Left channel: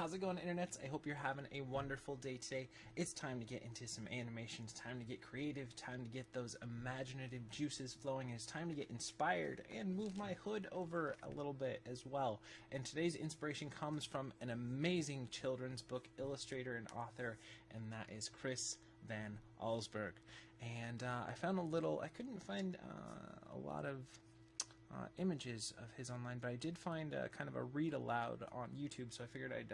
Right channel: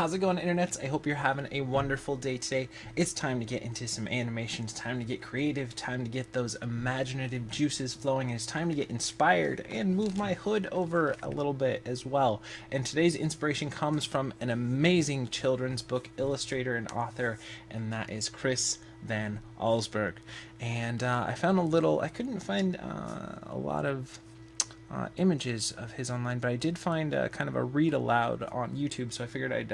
How's it going, internets? I hope you're having a wonderful day today. It's time to get into some animations, time to get creative, time to get those imaginative juices flowing, and it's time to get inspired and move my hood over a little bit as well. And today's inspiration comes from an amazing children's book illustrator and author, and that is Chris Van Allsburg. And I found I couldn't find a lot of images of his online, but I did find kind of a read aloud on YouTube, so I figured I'd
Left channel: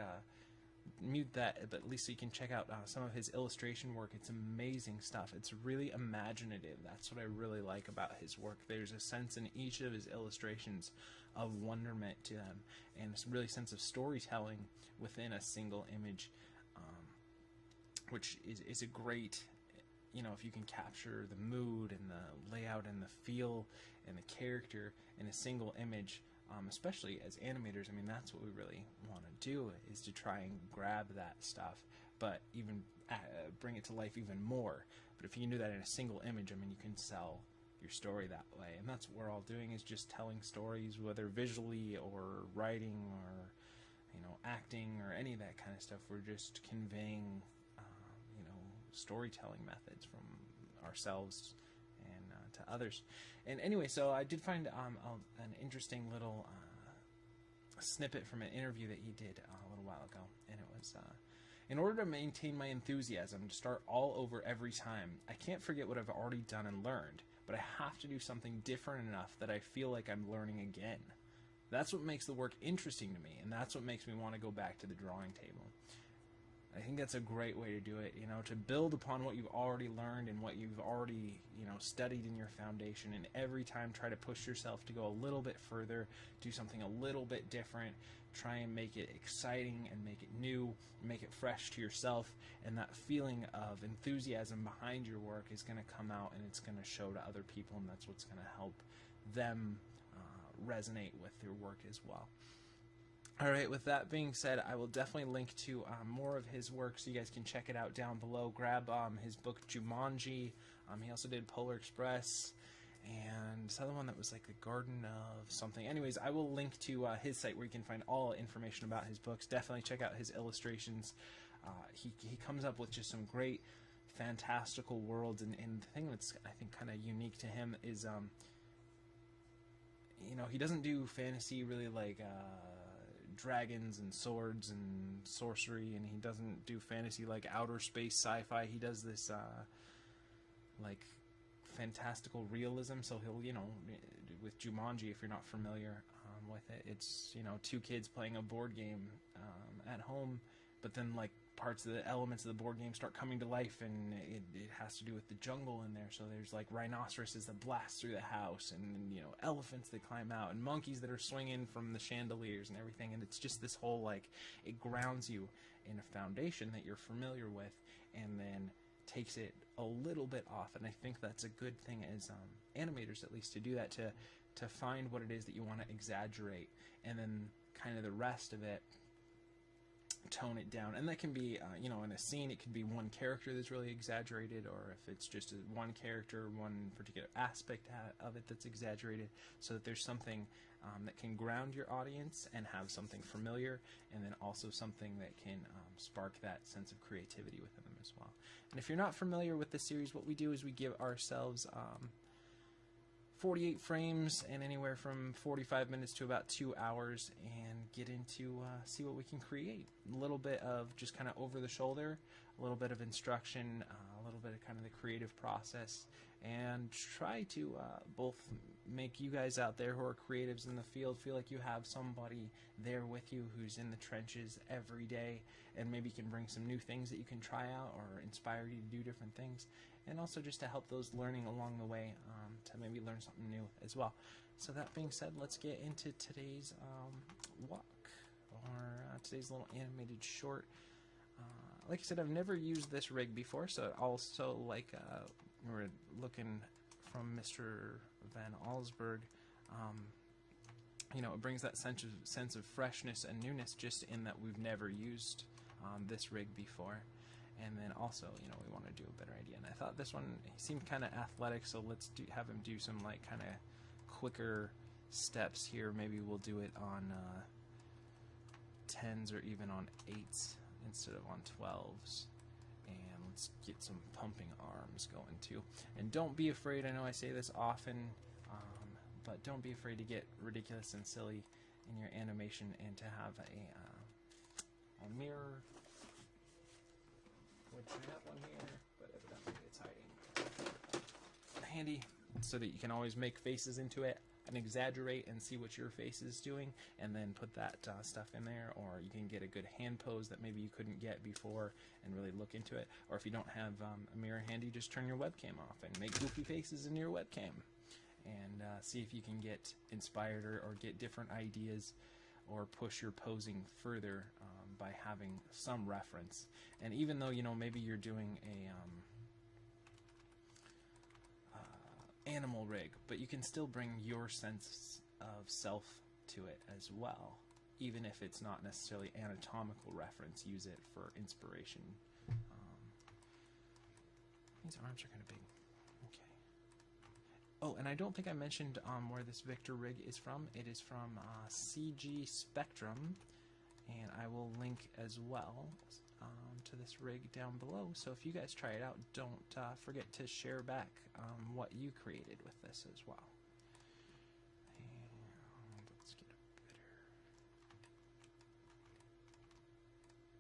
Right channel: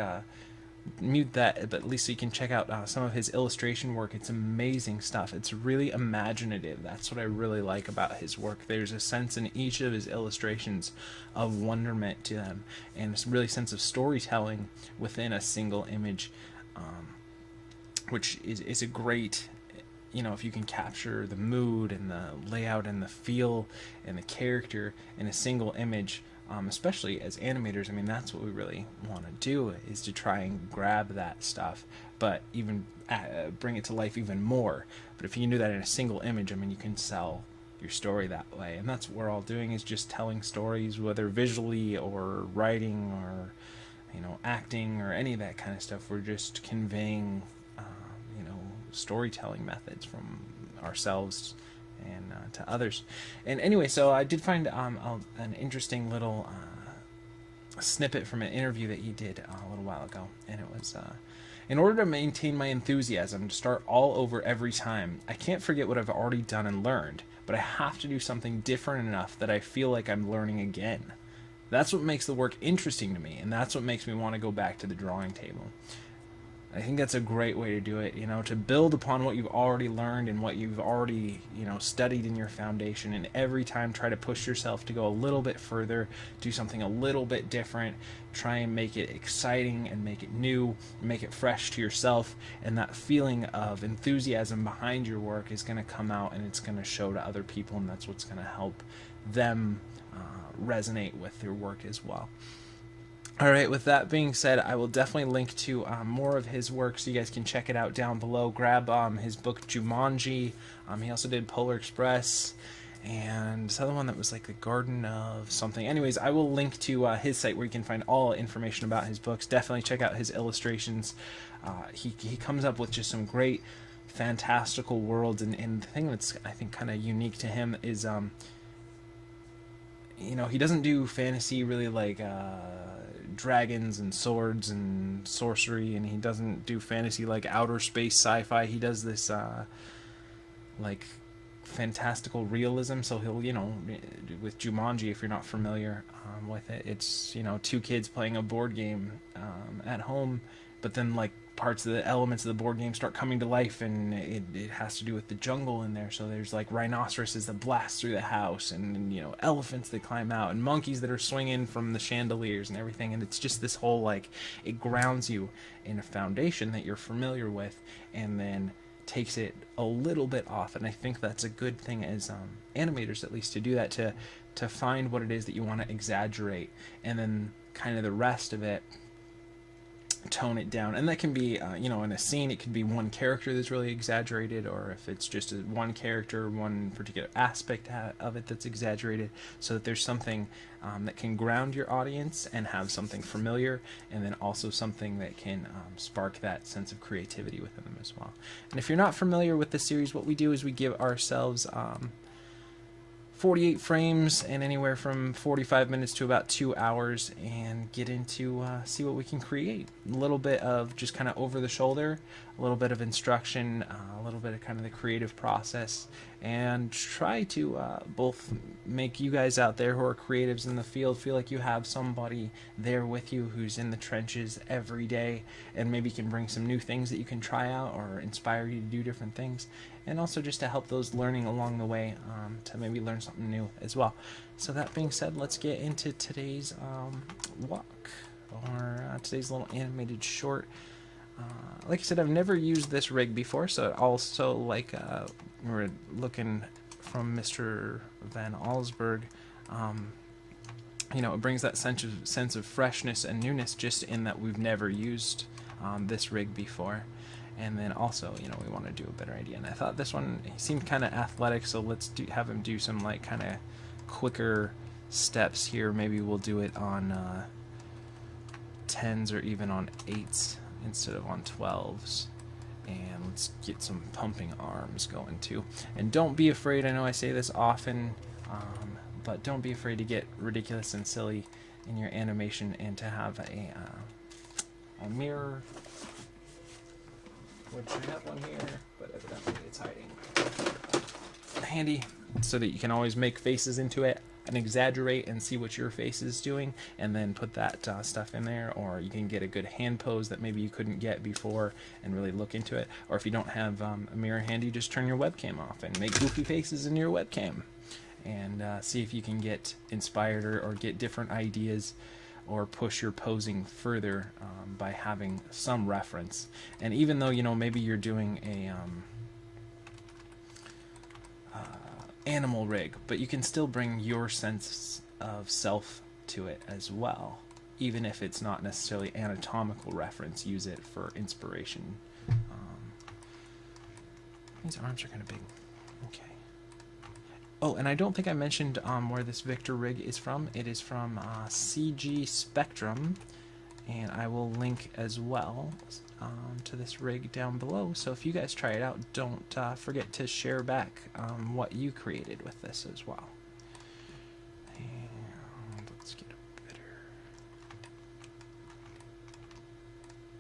mute that, but at least so you can check out some of his illustration work. It's amazing stuff. It's really imaginative. That's what I really like about his work. There's a sense in each of his illustrations of wonderment to them, and a really sense of storytelling within a single image, which is a great, if you can capture the mood and the layout and the feel and the character in a single image, especially as animators, I mean, that's what we really want to do, is to try and grab that stuff, but even bring it to life even more. But if you can do that in a single image, I mean, you can sell your story that way. And that's what we're all doing, is just telling stories, whether visually or writing or, acting or any of that kind of stuff. We're just conveying storytelling methods from ourselves and to others. And anyway, so I did find an interesting little snippet from an interview that he did a little while ago, and it was in order to maintain my enthusiasm to start all over every time, I can't forget what I've already done and learned, but I have to do something different enough that I feel like I'm learning again. That's what makes the work interesting to me, and that's what makes me want to go back to the drawing table. I think that's a great way to do it, to build upon what you've already learned and what you've already, studied in your foundation, and every time try to push yourself to go a little bit further, do something a little bit different, try and make it exciting and make it new, make it fresh to yourself, and that feeling of enthusiasm behind your work is going to come out and it's going to show to other people, and that's what's going to help them resonate with your work as well. Alright, with that being said, I will definitely link to more of his work so you guys can check it out down below. Grab his book Jumanji. He also did Polar Express, and this other one that was like the Garden of something. Anyways, I will link to his site where you can find all information about his books. Definitely check out his illustrations. He comes up with just some great fantastical worlds, and the thing that's, I think, kind of unique to him is he doesn't do fantasy really like dragons and swords and sorcery, and he doesn't do fantasy like outer space sci-fi. He does this like fantastical realism. So he'll, with Jumanji, if you're not familiar with it, it's two kids playing a board game at home, but then like parts of the elements of the board game start coming to life, and it has to do with the jungle in there. So there's like rhinoceroses that blast through the house, and elephants that climb out, and monkeys that are swinging from the chandeliers and everything. And it's just this whole, like, it grounds you in a foundation that you're familiar with, and then takes it a little bit off. And I think that's a good thing as animators, at least, to do that, to find what it is that you want to exaggerate, and then kind of the rest of it tone it down. And that can be in a scene, it could be one character that's really exaggerated, or if it's just one character, one particular aspect of it that's exaggerated, so that there's something that can ground your audience and have something familiar, and then also something that can spark that sense of creativity within them as well. And if you're not familiar with the series, what we do is we give ourselves 48 frames and anywhere from 45 minutes to about 2 hours, and get into see what we can create. A little bit of just kind of over the shoulder, a little bit of instruction, a little bit of kind of the creative process, and try to both make you guys out there who are creatives in the field feel like you have somebody there with you who's in the trenches every day, and maybe can bring some new things that you can try out or inspire you to do different things, and also just to help those learning along the way to maybe learn something new as well. So that being said, let's get into today's walk, or today's little animated short. Like I said, I've never used this rig before, so it also, like we're looking from Mr. Van Allsburg, it brings that sense of freshness and newness, just in that we've never used this rig before. And then also, we want to do a better idea. And I thought this one, he seemed kind of athletic, so let's have him do some like kind of quicker steps here. Maybe we'll do it on 10s or even on 8s instead of on 12s. And let's get some pumping arms going too. And don't be afraid, I know I say this often, but don't be afraid to get ridiculous and silly in your animation and to have a mirror, which I have one here, but evidently it's hiding, handy, so that you can always make faces into it and exaggerate and see what your face is doing, and then put that stuff in there. Or you can get a good hand pose that maybe you couldn't get before and really look into it. Or if you don't have a mirror handy, just turn your webcam off and make goofy faces in your webcam, and see if you can get inspired or get different ideas, or push your posing further by having some reference. And even though, you know, maybe you're doing a animal rig, but you can still bring your sense of self to it as well, even if it's not necessarily anatomical reference. Use it for inspiration. These arms are kind of big. Okay. Oh, and I don't think I mentioned where this Victor rig is from. It is from CG Spectrum, and I will link as well to this rig down below. So if you guys try it out, don't forget to share back what you created with this as well. And let's get a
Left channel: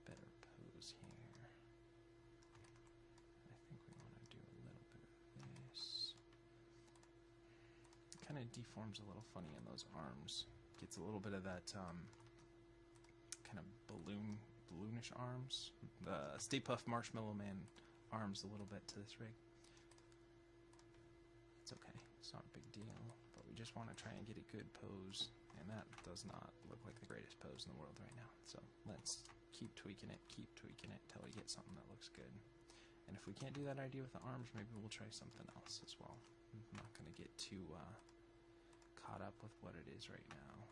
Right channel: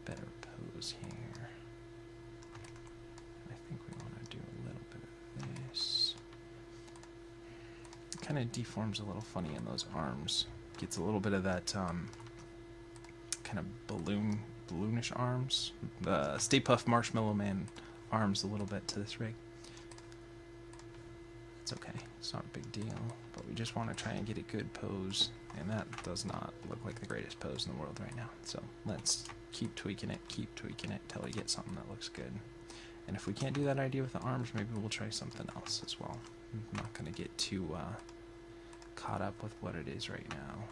better pose here. I think we want to do a little bit of this. It kind of deforms a little funny in those arms. Gets a little bit of that kind of balloonish arms. The Stay Puft Marshmallow Man arms a little bit to this rig. It's okay. It's not a big deal. But we just want to try and get a good pose. And that does not look like the greatest pose in the world right now. So let's keep tweaking it till we get something that looks good. And if we can't do that idea with the arms, maybe we'll try something else as well. I'm not going to get too caught up with what it is right now.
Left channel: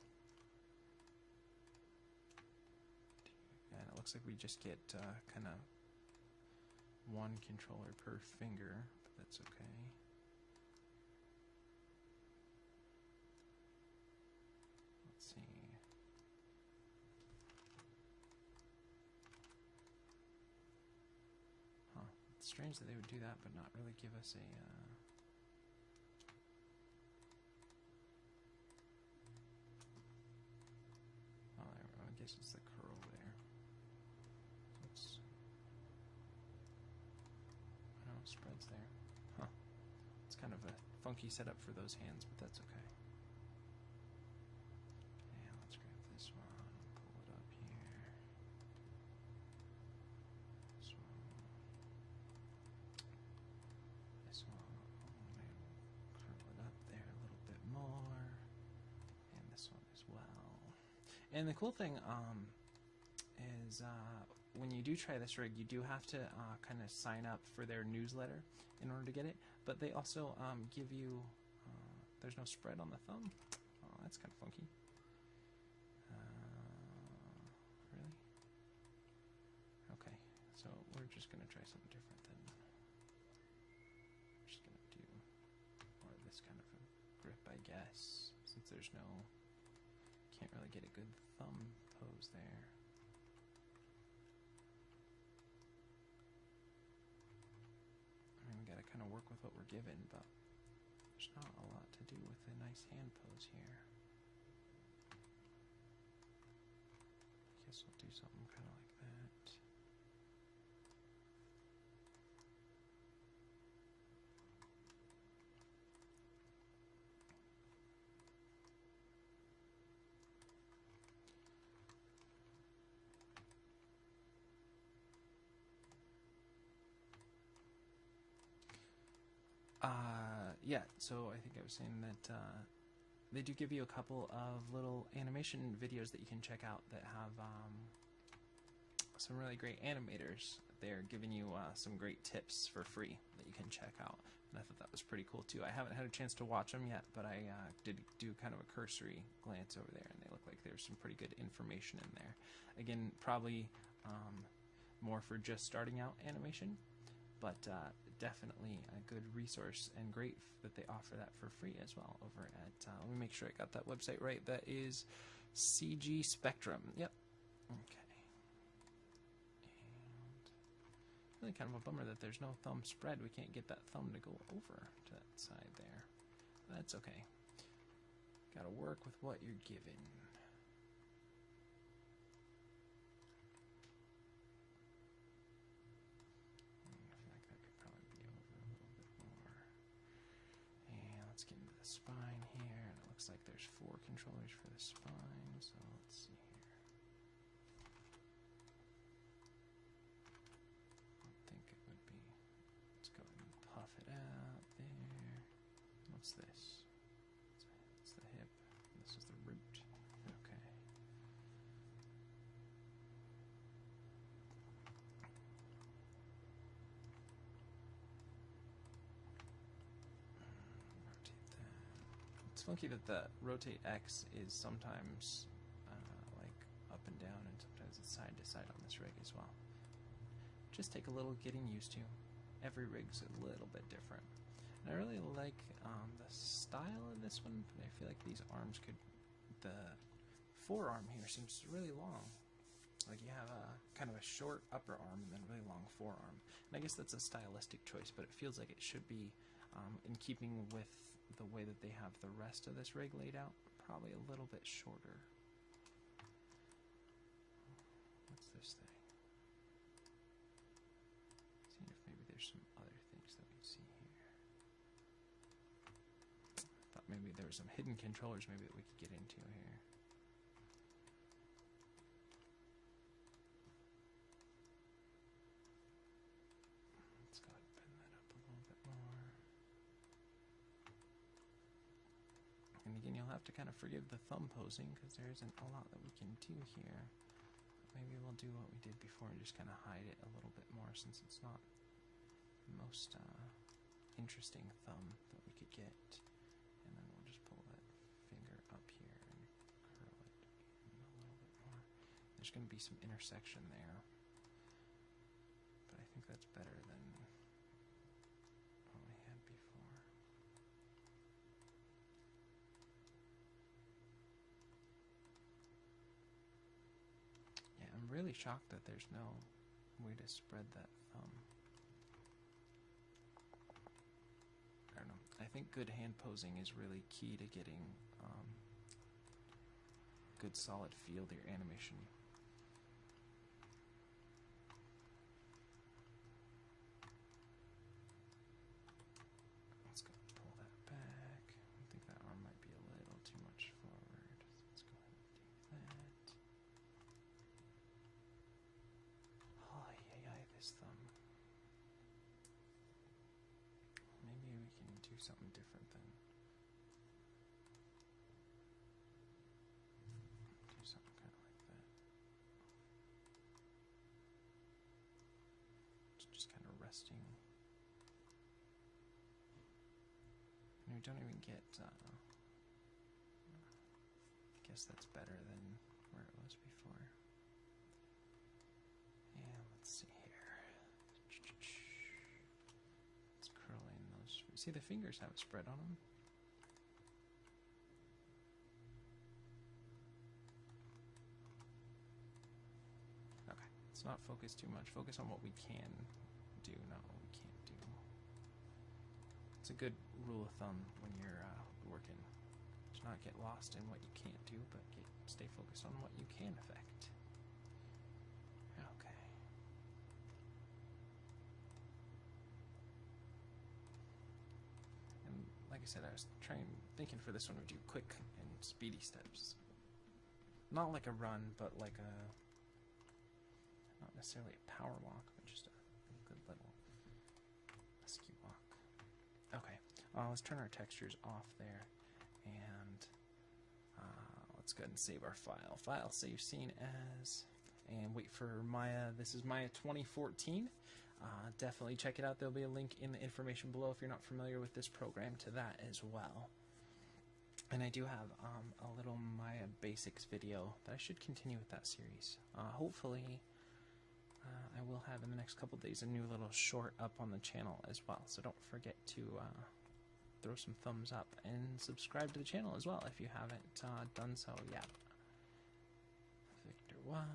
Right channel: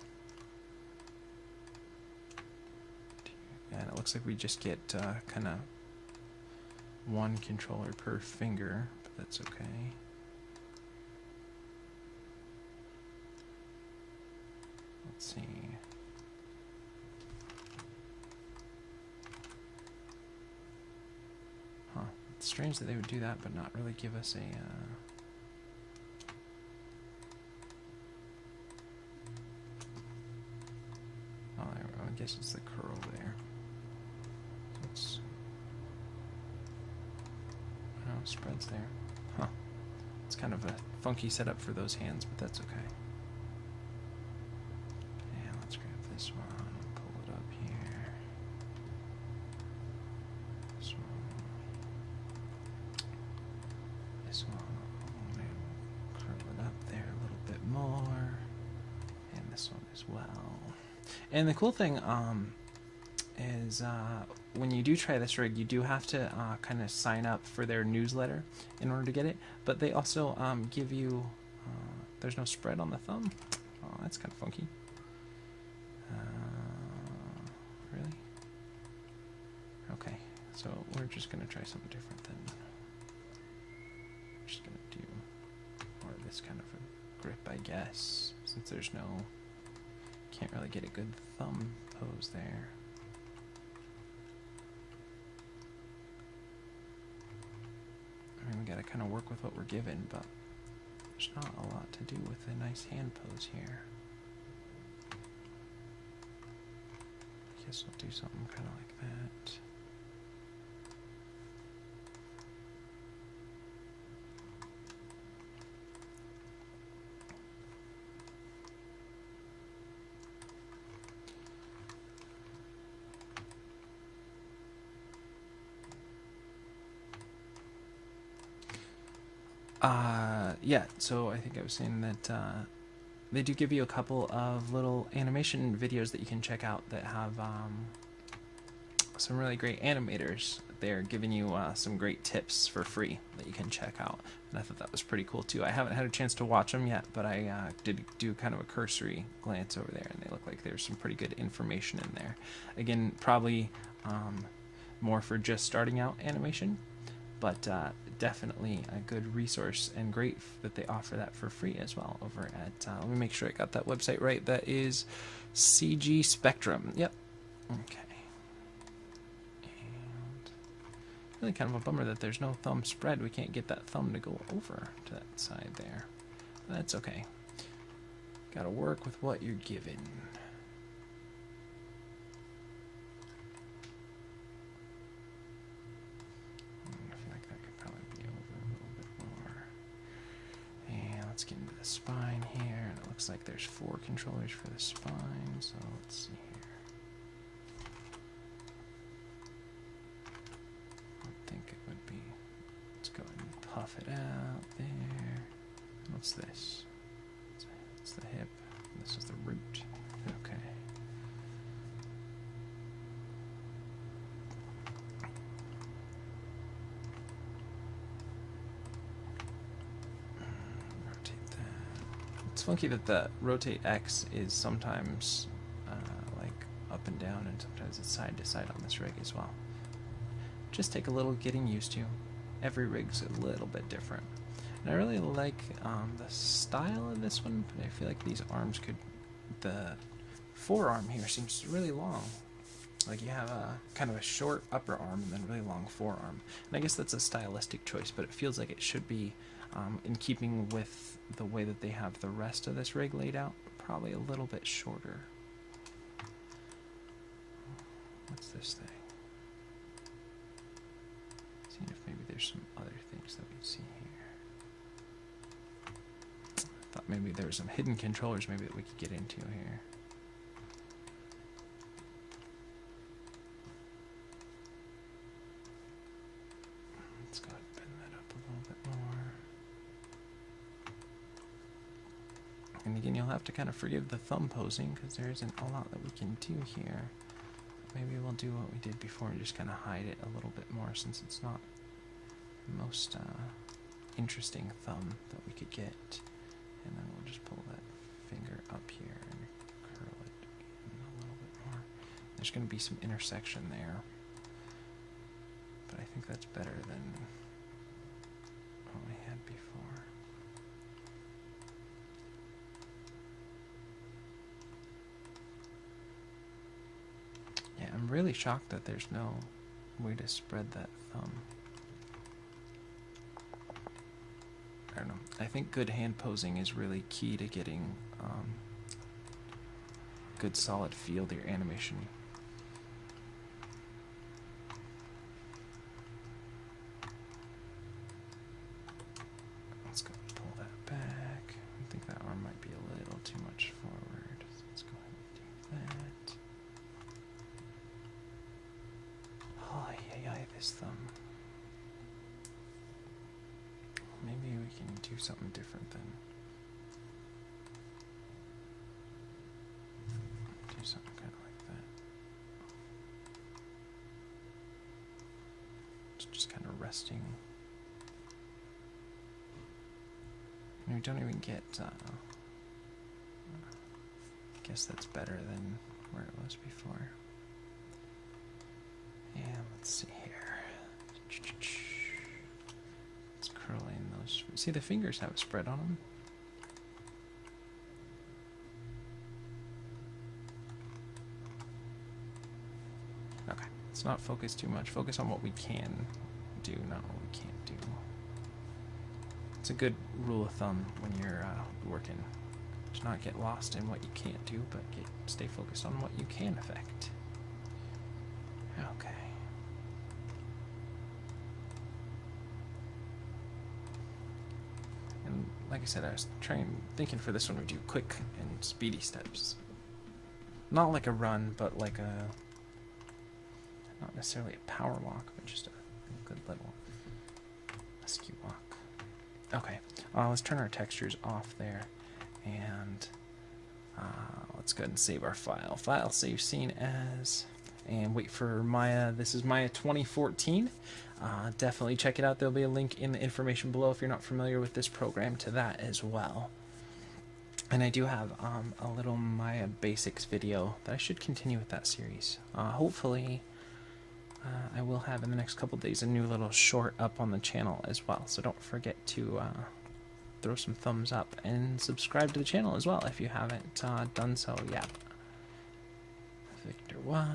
And it looks like we just get kind of one controller per finger, but that's okay. Let's see. Huh. It's strange that they would do that, but not really give us a... Oh, I guess it's the curl there. Spreads there. Huh. It's kind of a funky setup for those hands, but that's okay. Yeah, let's grab this one, pull it up here. This one. This one. Maybe we'll curl it up there a little bit more. And this one as well. And the cool thing is when you do try this rig, you do have to kind of sign up for their newsletter in order to get it, but they also give you there's no spread on the thumb. Oh, that's kind of funky. Really? Okay, so we're just gonna try something different then. We're just gonna do more of this kind of a grip, I guess, since there's no, can't really get a good thumb pose there. I mean, we gotta kind of work with what we're given, but there's not a lot to do with a nice hand pose here. I guess we'll do something kind of like that. Yeah, so I think I was saying that they do give you a couple of little animation videos that you can check out that have some really great animators. They're giving you some great tips for free that you can check out, and I thought that was pretty cool too. I haven't had a chance to watch them yet, but I did do kind of a cursory glance over there, and they look like there's some pretty good information in there. Again, probably more for just starting out animation, but definitely a good resource, and great that they offer that for free as well over at let me make sure I got that website right. That is CG Spectrum. Yep, Okay. And really kind of a bummer that there's no thumb spread. We can't get that thumb to go over to that side there. That's okay. Gotta work with what you're given. I feel like that could probably be over a little bit more. And let's get into the spine here. And it looks like there's 4 controllers for the spine. So let's see here. I think it would be. Let's go ahead and puff it out there. What's this? It's the hip. This is the root. Okay. Rotate that. It's funky that the rotate X is sometimes like up and down, and sometimes it's side to side on this rig as well. Just take a little getting used to. Every rig's a little bit different. And I really like the style of this one, but I feel like these arms could... The forearm here seems really long. Like you have a kind of a short upper arm and then really long forearm. And I guess that's a stylistic choice, but it feels like it should be in keeping with the way that they have the rest of this rig laid out. Probably a little bit shorter. What's this thing? Seeing if maybe there's some other things that we'd see here. Thought maybe there were some hidden controllers maybe that we could get into here. Let's go ahead and bend that up a little bit more. And again, you'll have to kind of forgive the thumb posing because there isn't a lot that we can do here. Maybe we'll do what we did before and just kind of hide it a little bit more since it's not the most interesting thumb that we could get. And then we'll just pull that finger up here and curl it in a little bit more. There's going to be some intersection there. But I think that's better than what we had before. Yeah, I'm really shocked that there's no way to spread that thumb. I don't know. I think good hand posing is really key to getting good solid feel to your animation. Let's go pull that back. I think that arm might be a little too much forward. Let's go ahead and do that. Oh, yeah, this thumb. Maybe we can do something different then. Do something kind of like that. It's just kind of resting. And we don't even get, I guess that's better than where it was before. And let's see here. Curling those. See, the fingers have a spread on them. Okay, let's not focus too much. Focus on what we can do, not what we can't do. It's a good rule of thumb when you're working. To not get lost in what you can't do, but stay focused on what you can affect. Okay. And like I said, I was thinking for this one we do quick and speedy steps. Not like a run, but like not necessarily a power walk, but just a good little rescue walk. Okay, let's turn our textures off there, and let's go ahead and save our file. File save scene as, and wait for Maya. This is Maya 2014. Definitely check it out. There'll be a link in the information below if you're not familiar with this program to that as well. And I do have a little Maya Basics video that I should continue with that series. Hopefully, I will have in the next couple days a new little short up on the channel as well. So don't forget to throw some thumbs up and subscribe to the channel as well if you haven't done so yet. Victor Walk.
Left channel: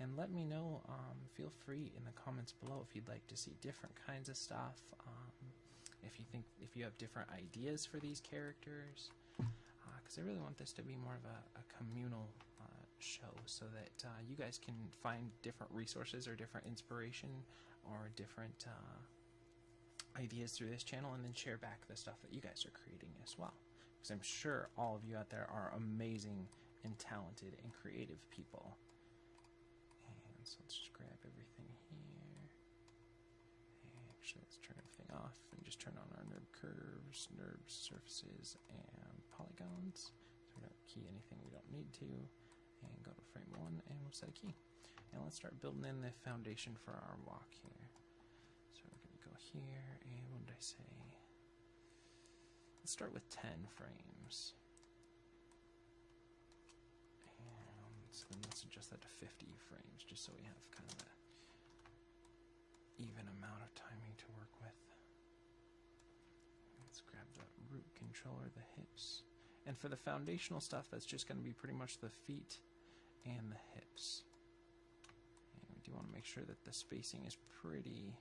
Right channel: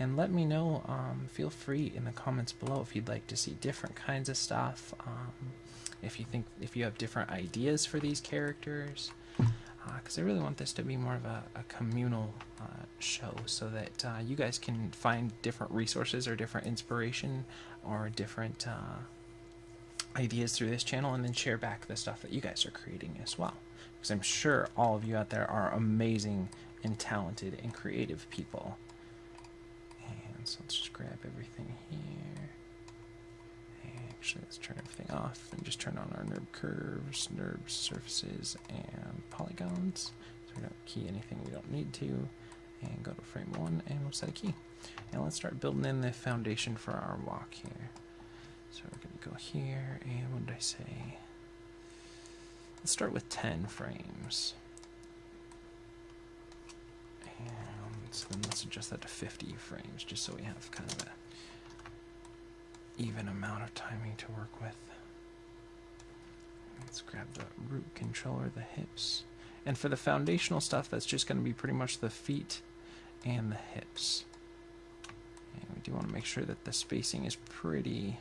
And let me know, feel free in the comments below if you'd like to see different kinds of stuff, if you have different ideas for these characters, because I really want this to be more of a communal show, so that you guys can find different resources or different inspiration or different ideas through this channel, and then share back the stuff that you guys are creating as well, because I'm sure all of you out there are amazing and talented and creative people. And so let's just grab everything here. Actually, let's turn everything off and just turn on our NURB curves, NURB surfaces, and polygons. So we don't key anything we don't need to. And go to frame 1 and we'll set a key. And let's start building in the foundation for our walk here. So we're going to go here, and what did I say? Let's start with 10 frames. And so then let's adjust that to 50 frames, just so we have kind of a even amount of timing to work with. Let's grab the root controller, the hips. And for the foundational stuff, that's just going to be pretty much the feet and the hips. And we do want to make sure that the spacing is pretty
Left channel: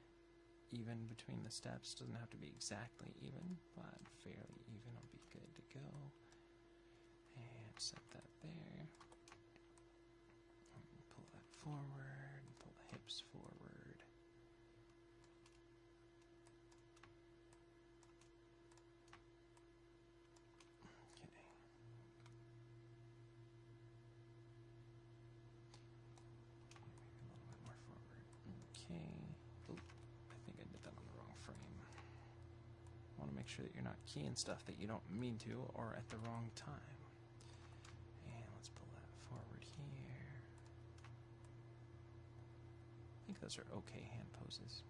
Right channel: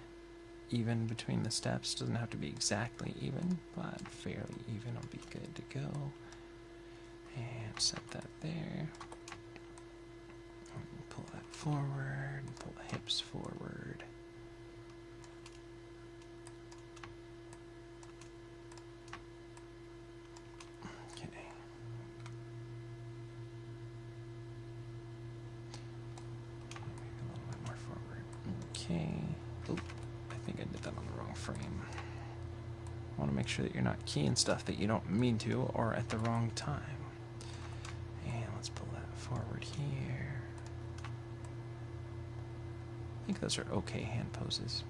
even between the steps. Doesn't have to be exactly even, but fairly even will be good to go. And set that there. Pull that forward, pull the hips forward. Oh, I think I did that on the wrong frame. I want to make sure that you're not keying stuff that you don't mean to or at the wrong time. And let's pull that forward here. I think those are okay hand poses.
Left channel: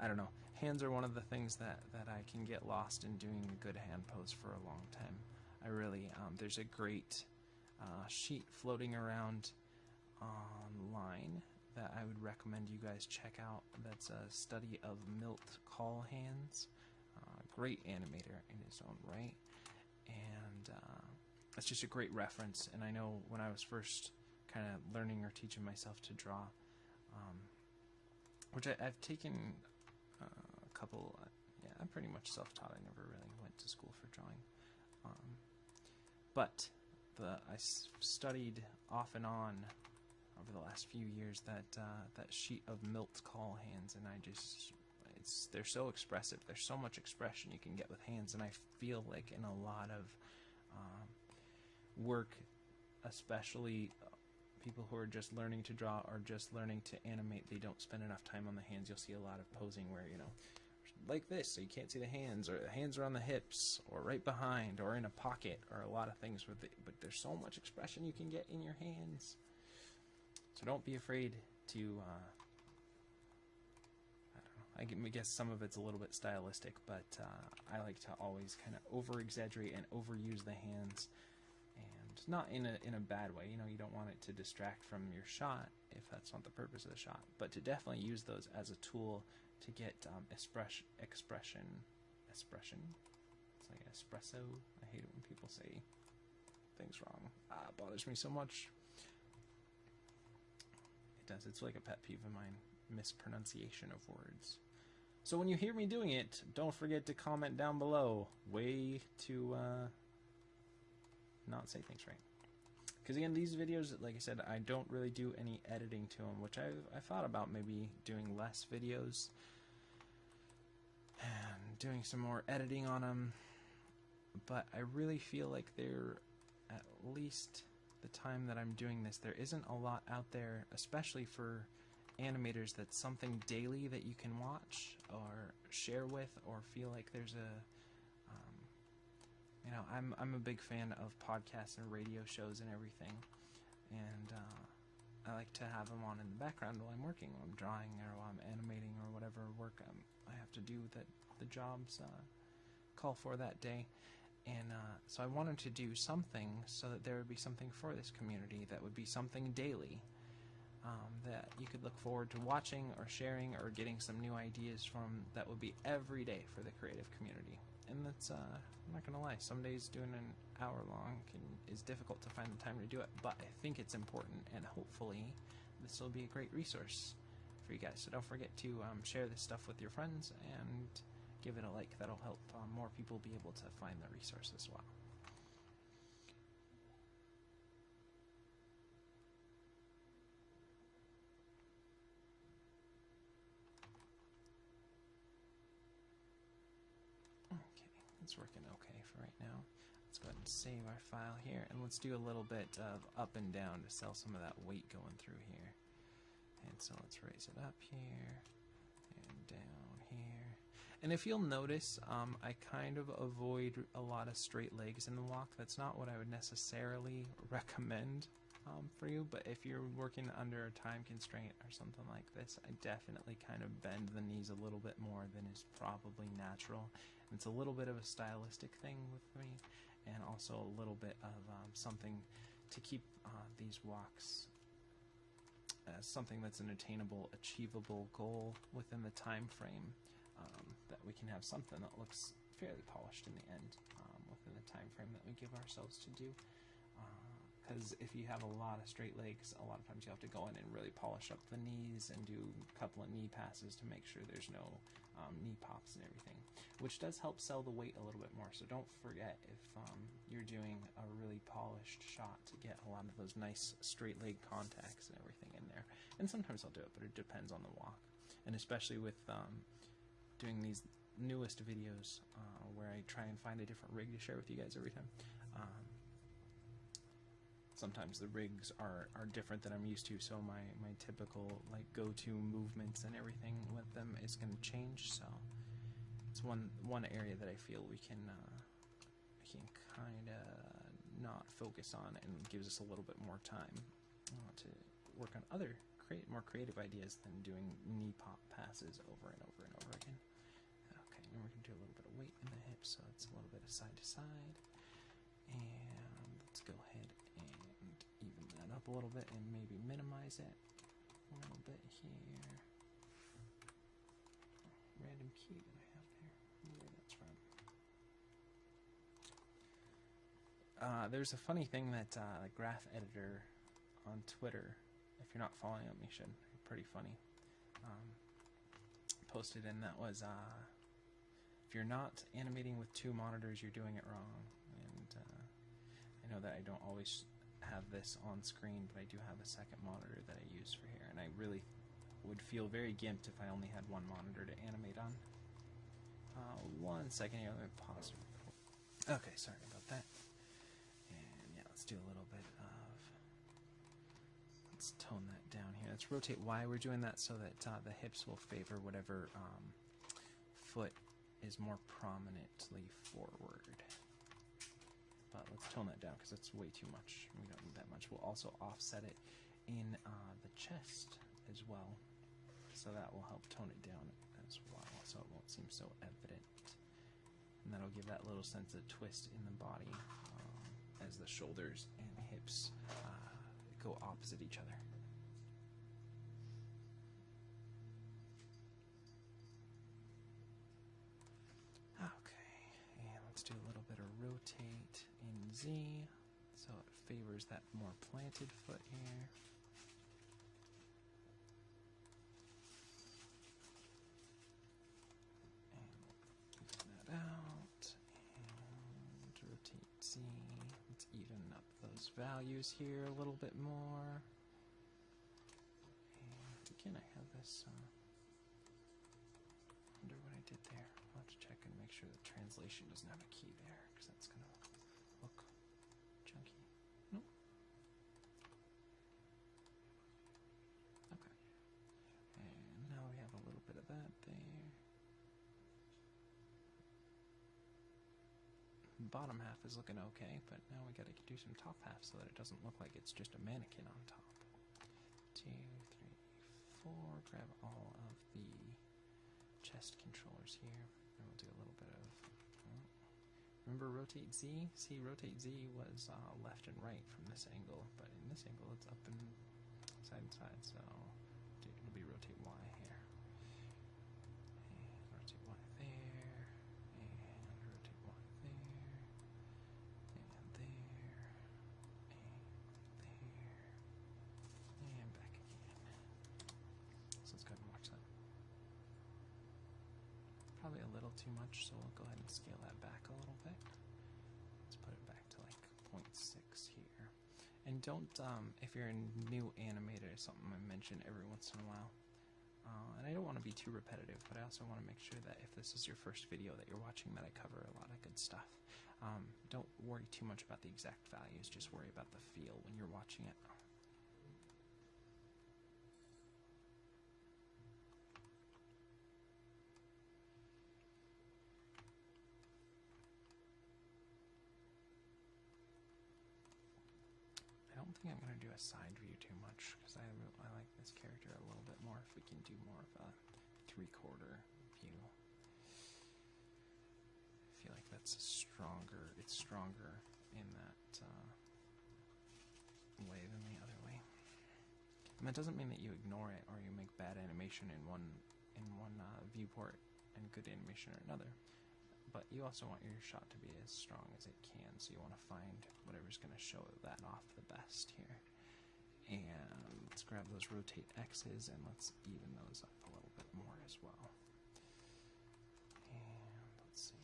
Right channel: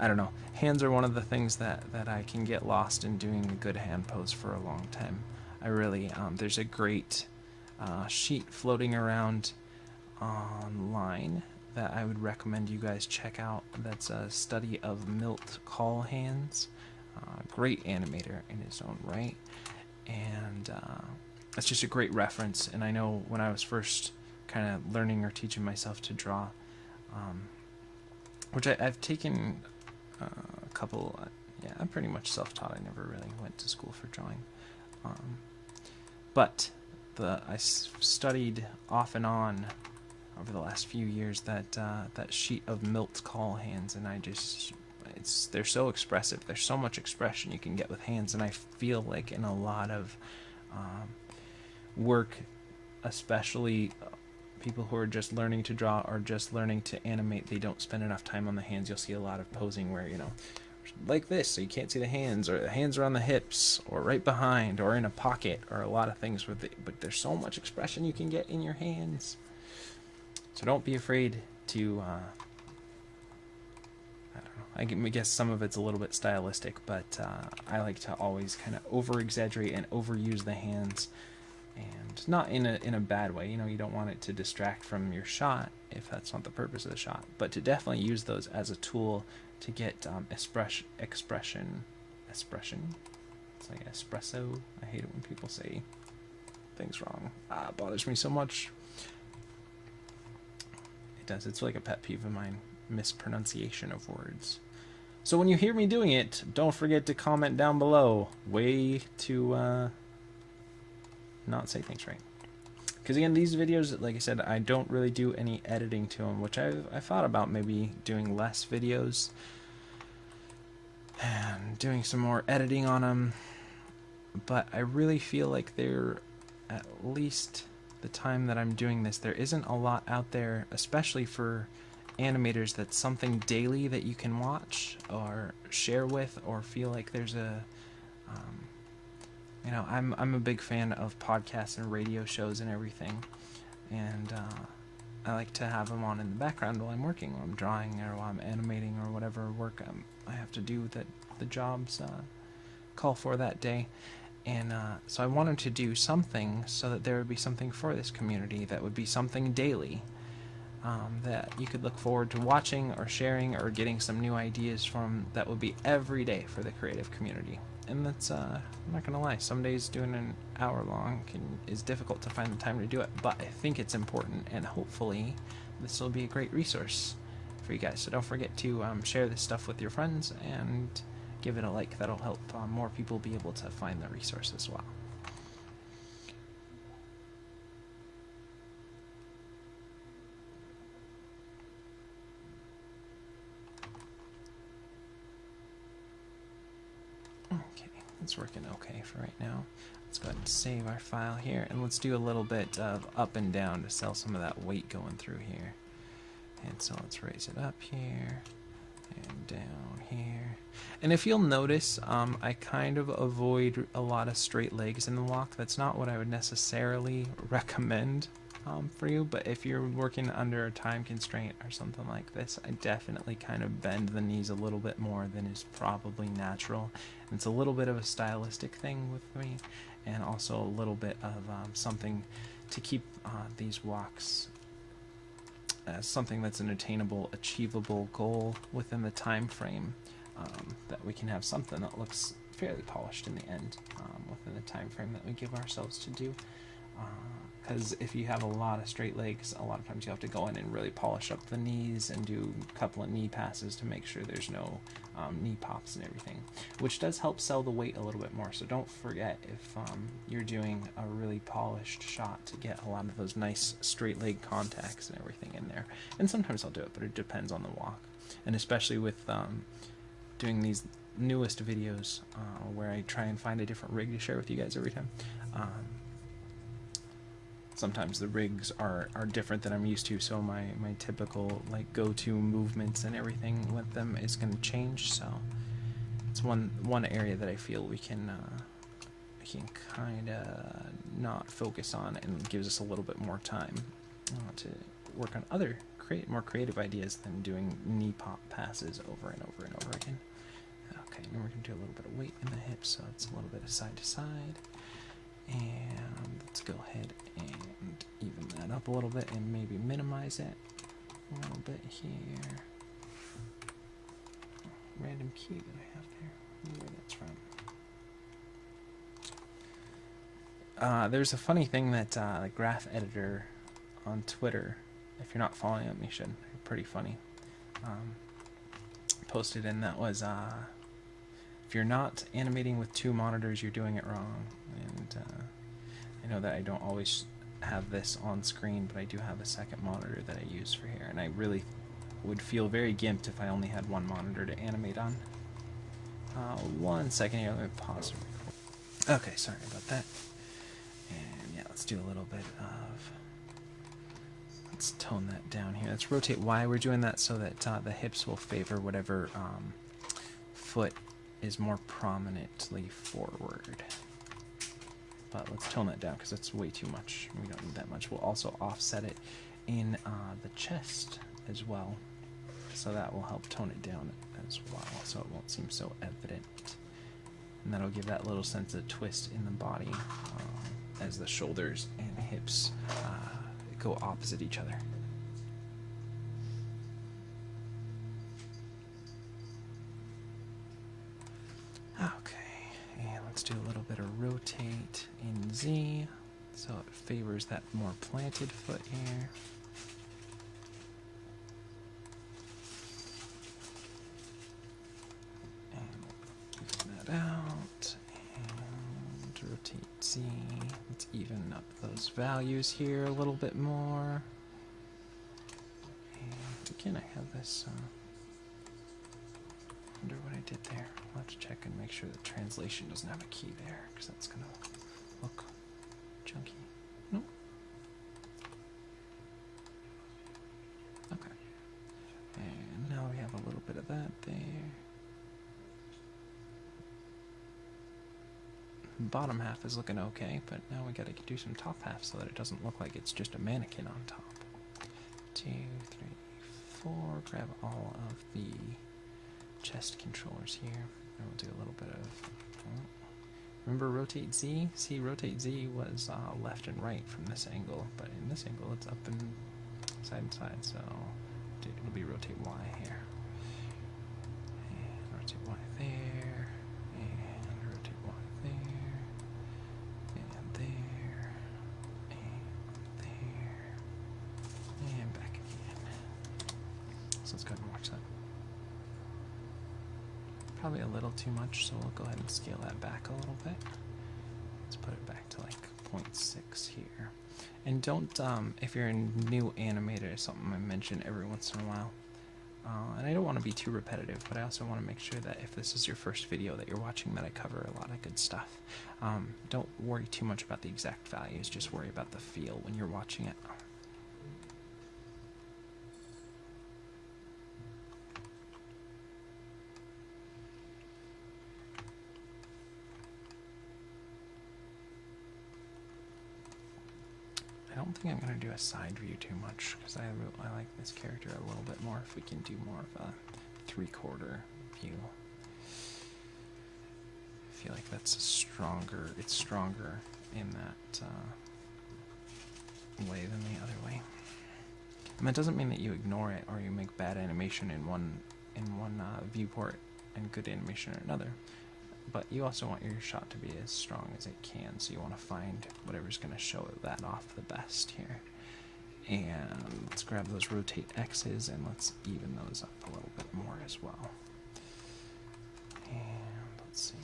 I don't know. Hands are one of the things that I can get lost in doing a good hand pose for a long time. I really, there's a great sheet floating around online that I would recommend you guys check out. That's a study of Milt Call hands. Great animator in his own right. And it's just a great reference. And I know when I was first kind of learning or teaching myself to draw, which I've taken a couple, yeah, I'm pretty much self-taught. I never really went to school for drawing. But I studied off and on over the last few years that sheet of Milt Call hands, and they're so expressive. There's so much expression you can get with hands, and I feel like in a lot of work, especially people who are just learning to draw or just learning to animate, they don't spend enough time on the hands. You'll see a lot of posing where, like this, so you can't see the hands, or the hands are on the hips, or right behind, or in a pocket, or a lot of things but there's so much expression you can get in your hands. So don't be afraid to, I don't know, I guess some of it's a little bit stylistic, but I like to always kind of over-exaggerate and overuse the hands, and not in a bad way. You don't want it to distract from your shot if that's not the purpose of the shot, but to definitely use those as a tool to get expression. It's like espresso. I hate it when people say things wrong. It bothers me so much. It does. It's like a pet peeve of mine, mispronunciation of words. So when you hear me doing it, don't forget to comment down below. Way to not say things right. Because again, these videos, like I said, I don't really do any editing to them, which I thought about maybe doing less videos and doing some more editing on them. But I really feel like they're, at least the time that I'm doing this, there isn't a lot out there, especially for animators, that's something daily that you can watch or share with, or feel like there's a I'm a big fan of podcasts and radio shows and everything, and I like to have them on in the background while I'm working, while I'm drawing, or while I'm animating, or whatever work I have to do that the jobs call for that day. And so I wanted to do something so that there would be something for this community that would be something daily, that you could look forward to watching or sharing or getting some new ideas from, that would be every day for the creative community. And that's, I'm not gonna lie, some days doing an hour long is difficult to find the time to do it, but I think it's important, and hopefully this will be a great resource for you guys. So don't forget to share this stuff with your friends and give it a like. That'll help more people be able to find the resource as well. It's working okay for right now. Let's go ahead and save our file here, and let's do a little bit of up and down to sell some of that weight going through here. And so let's raise it up here and down here. And if you'll notice, I kind of avoid a lot of straight legs in the walk. That's not what I would necessarily recommend for you, but if you're working under a time constraint or something like this, I definitely kind of bend the knees a little bit more than is probably natural. And it's a little bit of a stylistic thing with me, and also a little bit of something to keep these walks as something that's an attainable, achievable goal within the time frame, that we can have something that looks fairly polished in the end within the time frame that we give ourselves to do. Because if you have a lot of straight legs, a lot of times you have to go in and really polish up the knees and do a couple of knee passes to make sure there's no knee pops and everything, which does help sell the weight a little bit more. So don't forget, if you're doing a really polished shot, to get a lot of those nice straight leg contacts and everything in there. And sometimes I'll do it, but it depends on the walk. And especially with doing these newest videos where I try and find a different rig to share with you guys every time. Sometimes the rigs are different than I'm used to, so my typical like go-to movements and everything with them is going to change. So it's one area that I feel we can kind of not focus on, and gives us a little bit more time to work on other more creative ideas than doing knee pop passes over and over and over again. Okay, now we're going to do a little bit of weight in the hips, so it's a little bit of side to side. And let's go ahead and even that up a little bit and maybe minimize it a little bit here. Random key that I have there, where that's from. There's a funny thing that the graph editor on Twitter, if you're not following them, you should. They're pretty funny. Posted in that was if you're not animating with 2 monitors, you're doing it wrong. And I know that I don't always have this on screen, but I do have a second monitor that I use for here, and I really would feel very gimped if I only had one monitor to animate on. 1 second here, let me pause. Okay, sorry about that. And yeah, let's do a little bit of, let's tone that down here. Let's rotate Y. We're doing that so that the hips will favor whatever foot is more prominently forward. But let's tone that down because that's way too much. We don't need that much. We'll also offset it in the chest as well, so that will help tone it down as well, so it won't seem so evident. And that'll give that little sense of twist in the body as the shoulders and hips go opposite each other. Let's do a little bit of rotate in Z, so it favors that more planted foot here. And even that out, and rotate Z. Let's even up those values here a little bit more. And again, I have this, wonder what I did there. I'll have to check and make sure the translation doesn't have a key there, because that's going to look junky. Nope. Okay. And now we have a little bit of that there. The bottom half is looking okay, but now we got to do some top half so that it doesn't look like it's just a mannequin on top. 2, 3, 4. Grab all of the chest controllers here. And we'll do a little bit of, remember rotate Z? See, rotate Z was left and right from this angle, but in this angle it's up and side, so it'll be rotate Y here. And rotate Y there, and So let's go ahead and watch that. Probably a little too much, so we'll go ahead and scale that back a little bit. Let's put it back to like 0.6 here. And don't, if you're a new animator, something I mention every once in a while, and I don't want to be too repetitive, but I also want to make sure that if this is your first video that you're watching, that I cover a lot of good stuff. Don't worry too much about the exact values, just worry about the feel when you're watching it. I don't think I'm going to do a side view too much, because I like this character a little bit more if we can do more of a 3/4 view. I feel like that's it's stronger in that way than the other way. And that doesn't mean that you ignore it or you make bad animation in one viewport and good animation in another. But you also want your shot to be as strong as it can, so you want to find whatever's going to show that off the best here. And let's grab those rotate X's and let's even those up a little bit more as well. And let's see.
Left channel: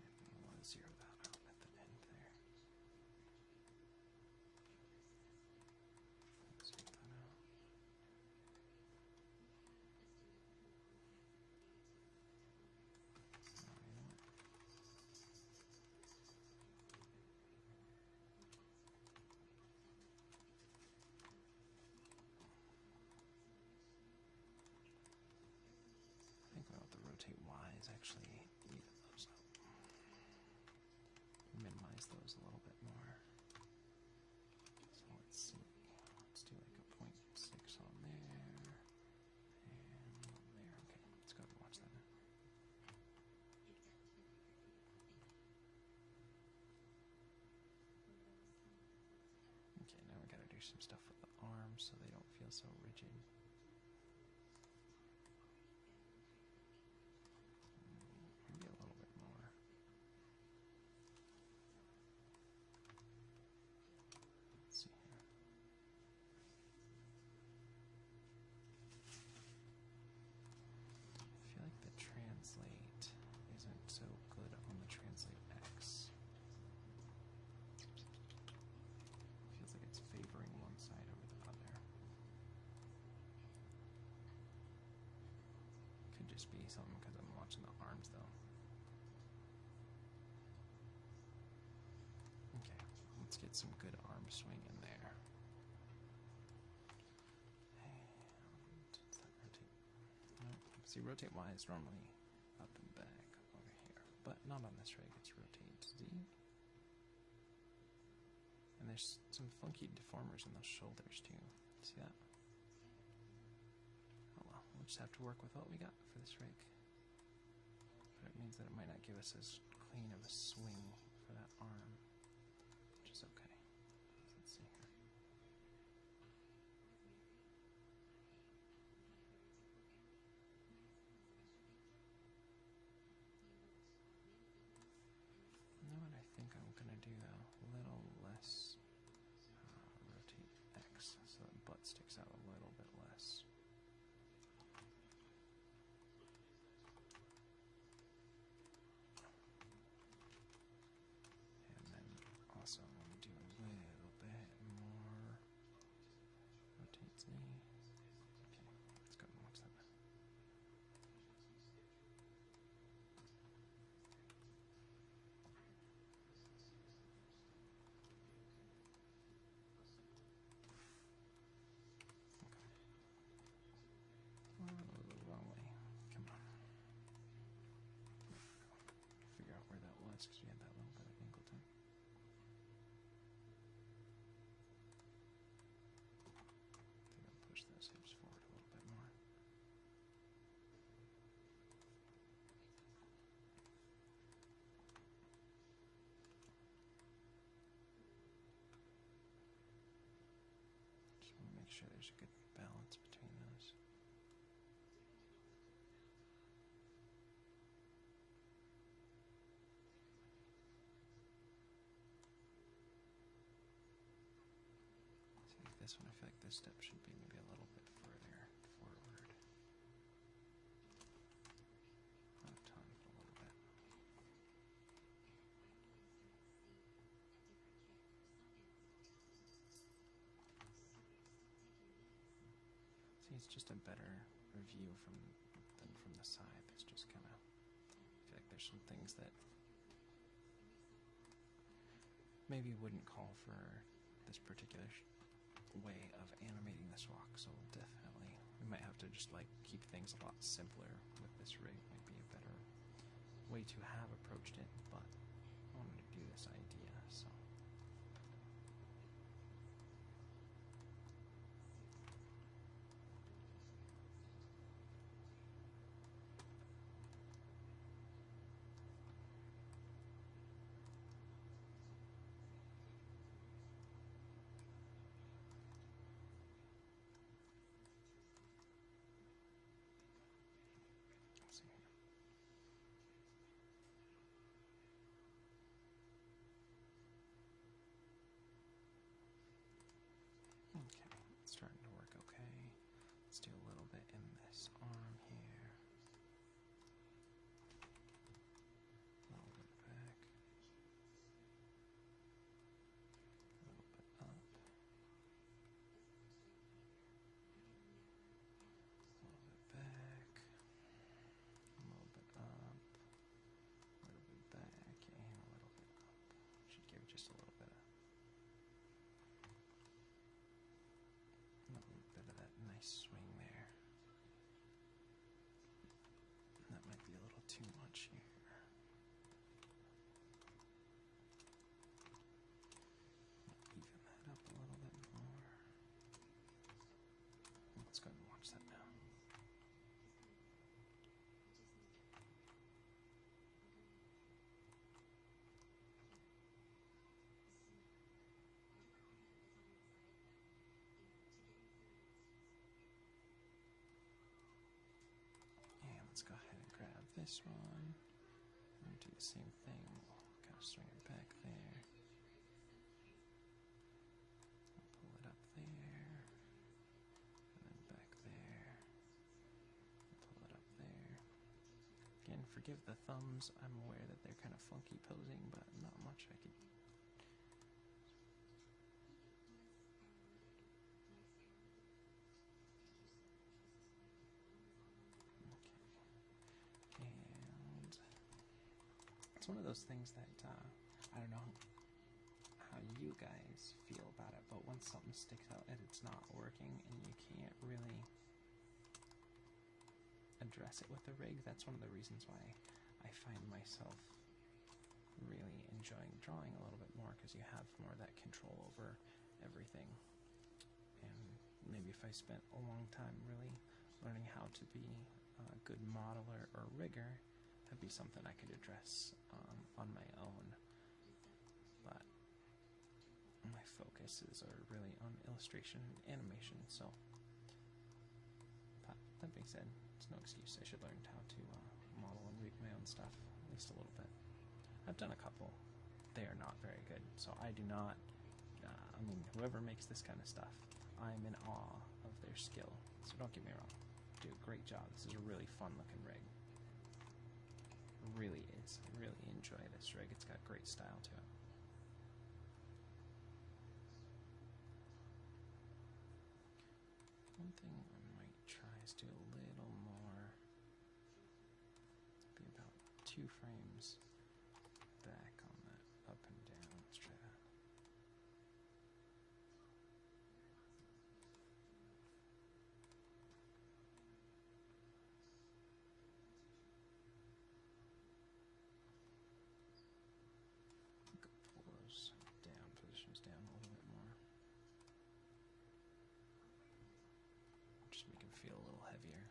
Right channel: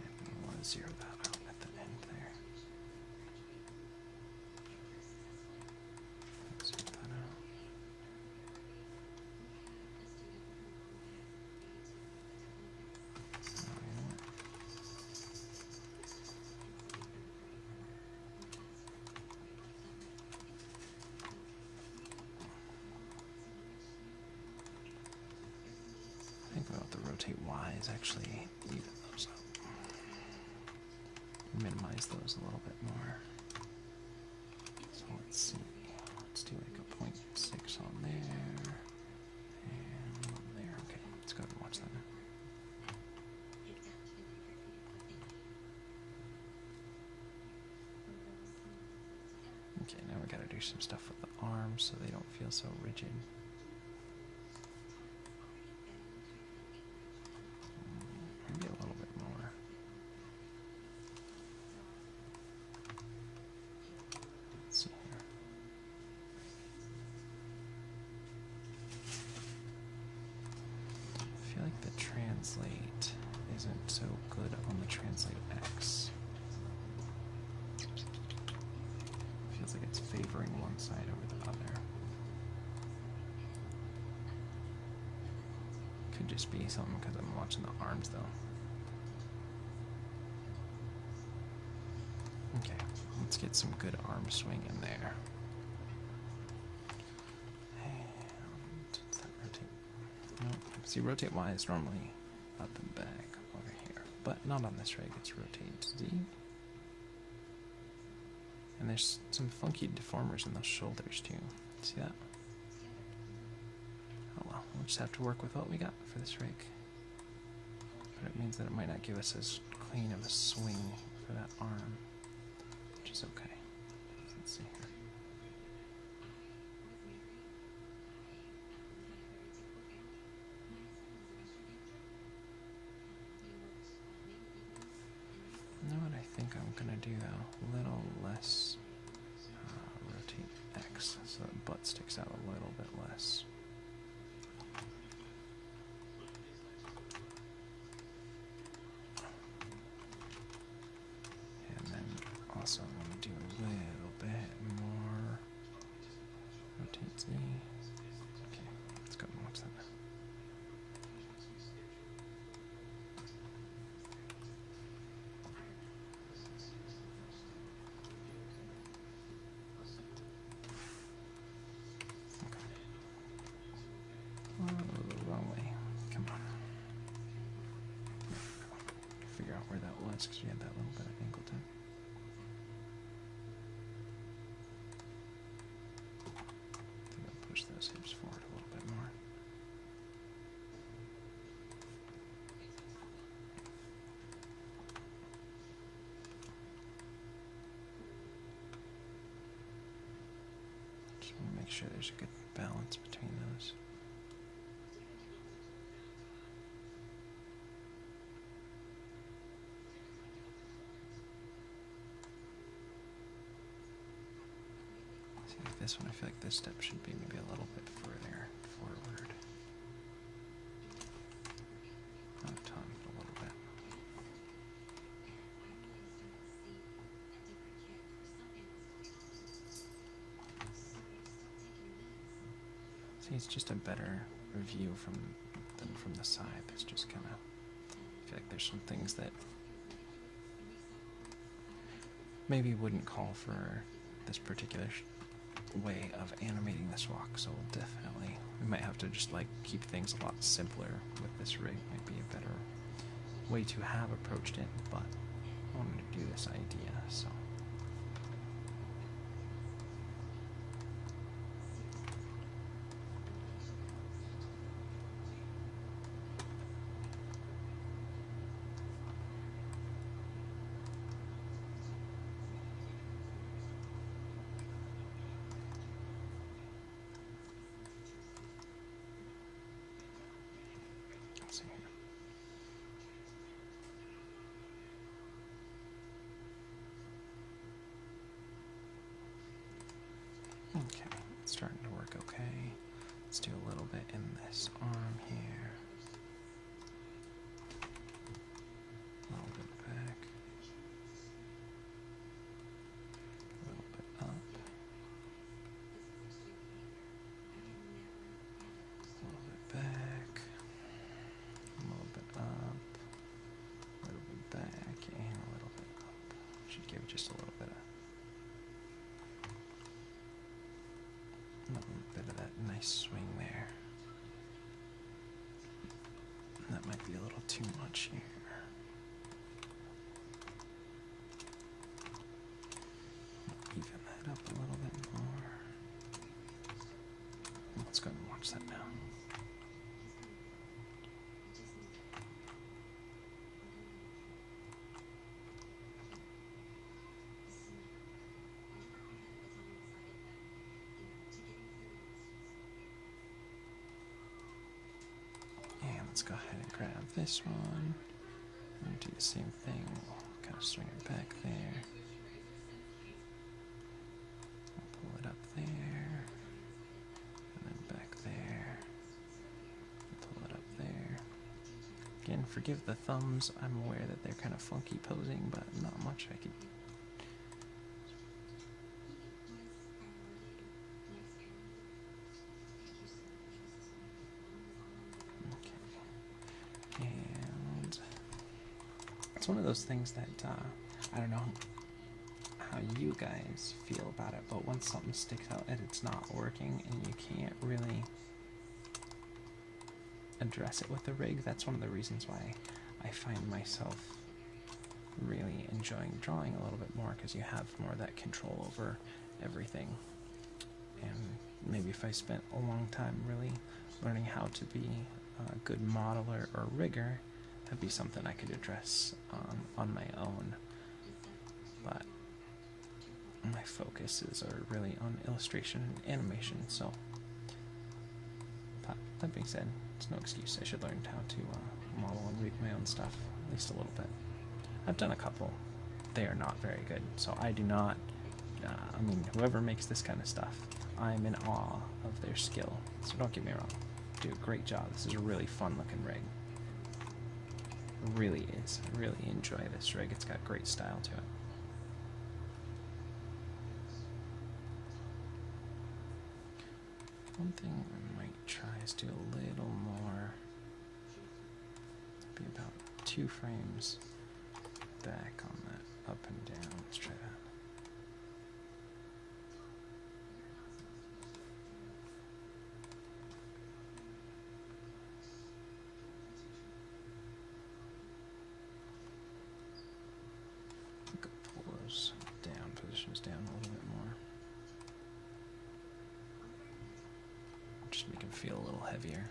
And we want to zero that out at the end there. Zero that out. I think about the rotate Y's actually even those up. Minimize those a little bit more. So let's see. Let's do like a 0.6 on there. And there. Okay, let's go ahead and watch that now. Okay, now we gotta do some stuff with the arms so they don't feel so rigid. Maybe a little bit more. Let's see here. I feel like the translate isn't so good on the translate X. Feels like it's favoring one side over the other. Could just be something because I'm watching the arms though. Okay, let's get some good arm swing in there. And does that rotate? No, see, rotate Y is normally up and back over here, but not on this rig. It's rotate Z. And there's some funky deformers in those shoulders too. See that? Oh well, we'll just have to work with what we got for this rig. But it means that it might not give us as clean of a swing for that arm, which is okay. Let's see here. You know what I think I'm gonna do though? A little less rotate X, so the butt sticks out a little bit less. And then also I'm gonna do a little bit more rotate Z. Okay, let's go and watch that now. Oh, wrong way. Come on. There we go. Figure out where that was because we had that little bit of angle too. I think I'll push those hips forward a little bit more. Just want to make sure there's a good balance between those. this one, I feel like this step should be maybe a little bit further forward. Not a ton, but a little bit. See, it's just a better view than from the side. There's just kind of, I feel like there's some things that maybe wouldn't call for this particular way of animating this walk, so definitely we might have to just like keep things a lot simpler with this rig. Might be a better way to have approached it, but I wanted to do this idea, so let's see here. Okay, it's starting to work okay. Let's do a little bit in this arm here. A little bit back. A little bit up. A little bit back. A little bit up. A little bit back and a little bit up. Should give it just a little bit of that nice swing there. That might be a little too much here. Even that up a little bit more. Let's go and watch that now. And let's go ahead and grab this one and do the same thing. Kind of swing it back there. I'll pull it up there. And then back there. And pull it up there. Again, forgive the thumbs. I'm aware that they're kind of funky posing, but not much I could. And it's one of those things that I don't know how you guys feel about it, but once something sticks out and it's not working and you can't really address it with the rig, that's one of the reasons why I find myself really enjoying drawing a little bit more, because you have more of that control over everything. And maybe if I spent a long time really learning how to be a good modeler or rigger, that'd be something I could address on my own. But my focuses are really on illustration and animation, so that being said, it's no excuse. I should learn how to model and rig my own stuff, at least a little bit. I've done a couple. They are not very good, so I do not, I mean, whoever makes this kind of stuff, I'm in awe of their skill, so don't get me wrong. Do a great job. This is a really fun looking rig. It really is. I really enjoy this rig. It's got great style to it. One thing I might try is do a little more, be about 2 frames back on that up and down. Let's try that. Pull those down, positions down a little bit more. Just make them feel a little heavier.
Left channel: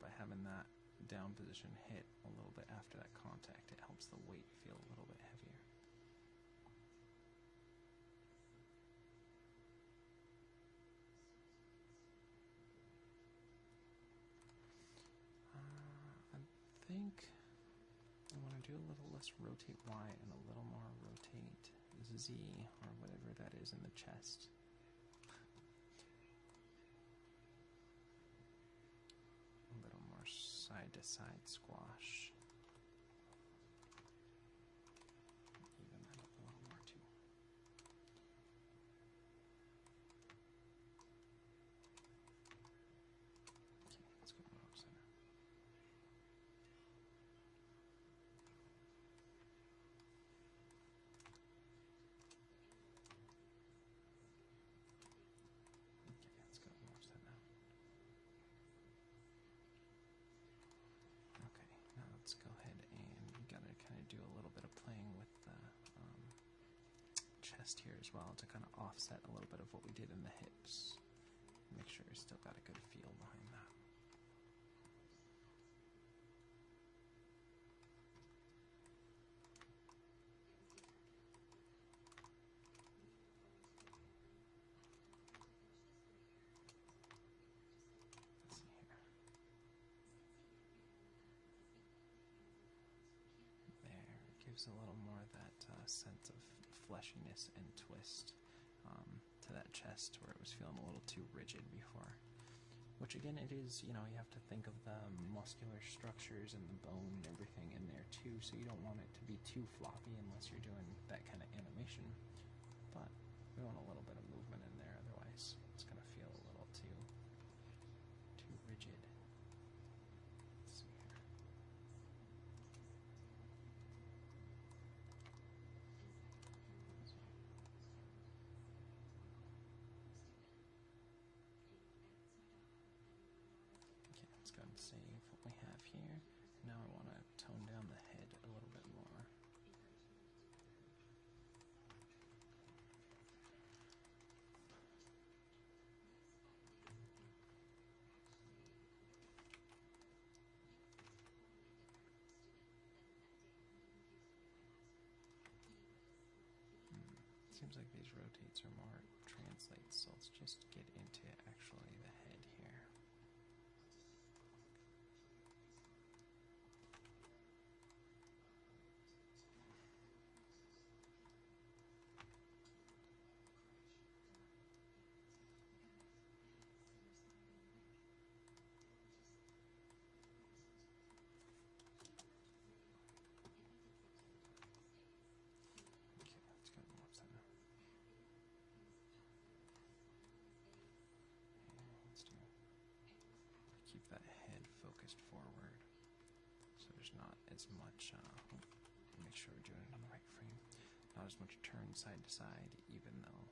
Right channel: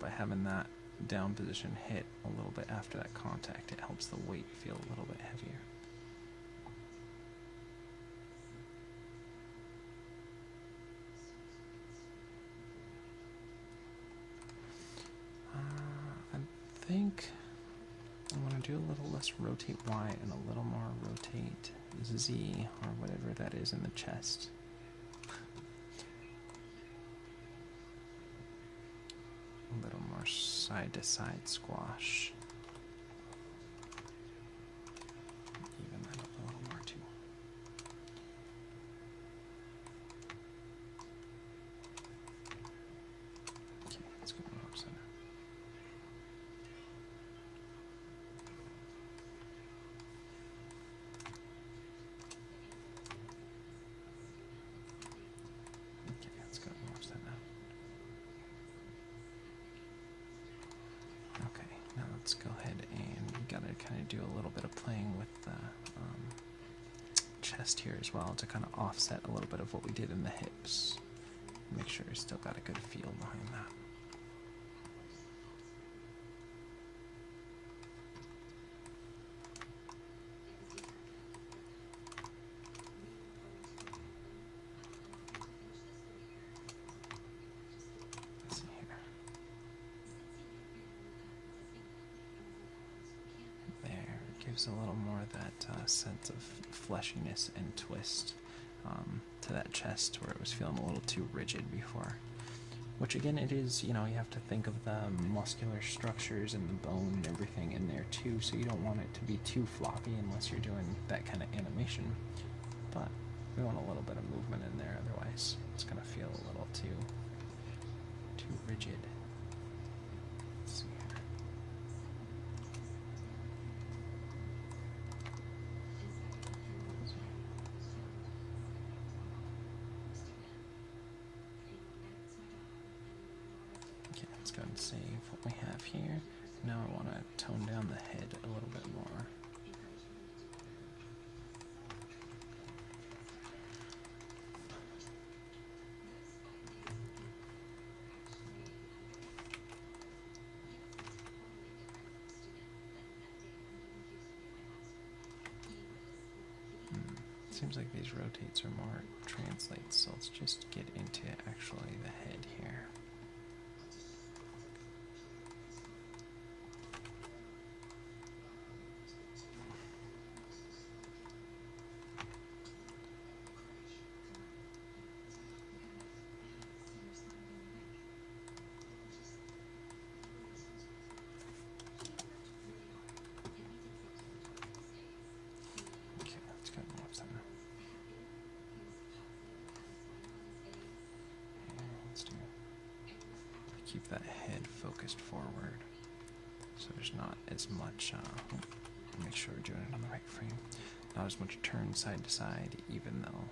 By having that down position hit a little bit after that contact, it helps the weight feel a little bit heavier. think I want to do a little less rotate Y and a little more rotate Z, or whatever that is in the chest. A little more side to side squash. Even that up a little more too. Okay, let's go up center. Okay, let's go more center. Okay, now let's go ahead and we gotta kind of do a little bit of playing with the chest here as well to kind of offset a little bit of what we did in the hips. Make sure we still got a good feel behind that. Let's see here. There, gives a little more of that sense of fleshiness and twist to that chest where it was feeling a little too rigid before. Which again, it is, you know, you have to think of the muscular structures and the bone and everything in there too, so you don't want it to be too floppy unless you're doing that kind of animation. But we want a little bit of movement in there, otherwise it's going to feel a little too rigid. Let's see here. Okay, let's go and save what we have here. Now I want to tone down the head a little bit more. Seems like these rotates are more translates, so let's just get into actually the head here. Okay, let's go more center. Let's do keep that head focused forward, so there's not as much. Make sure we're doing it on the right frame. Not as much turn side to side, even though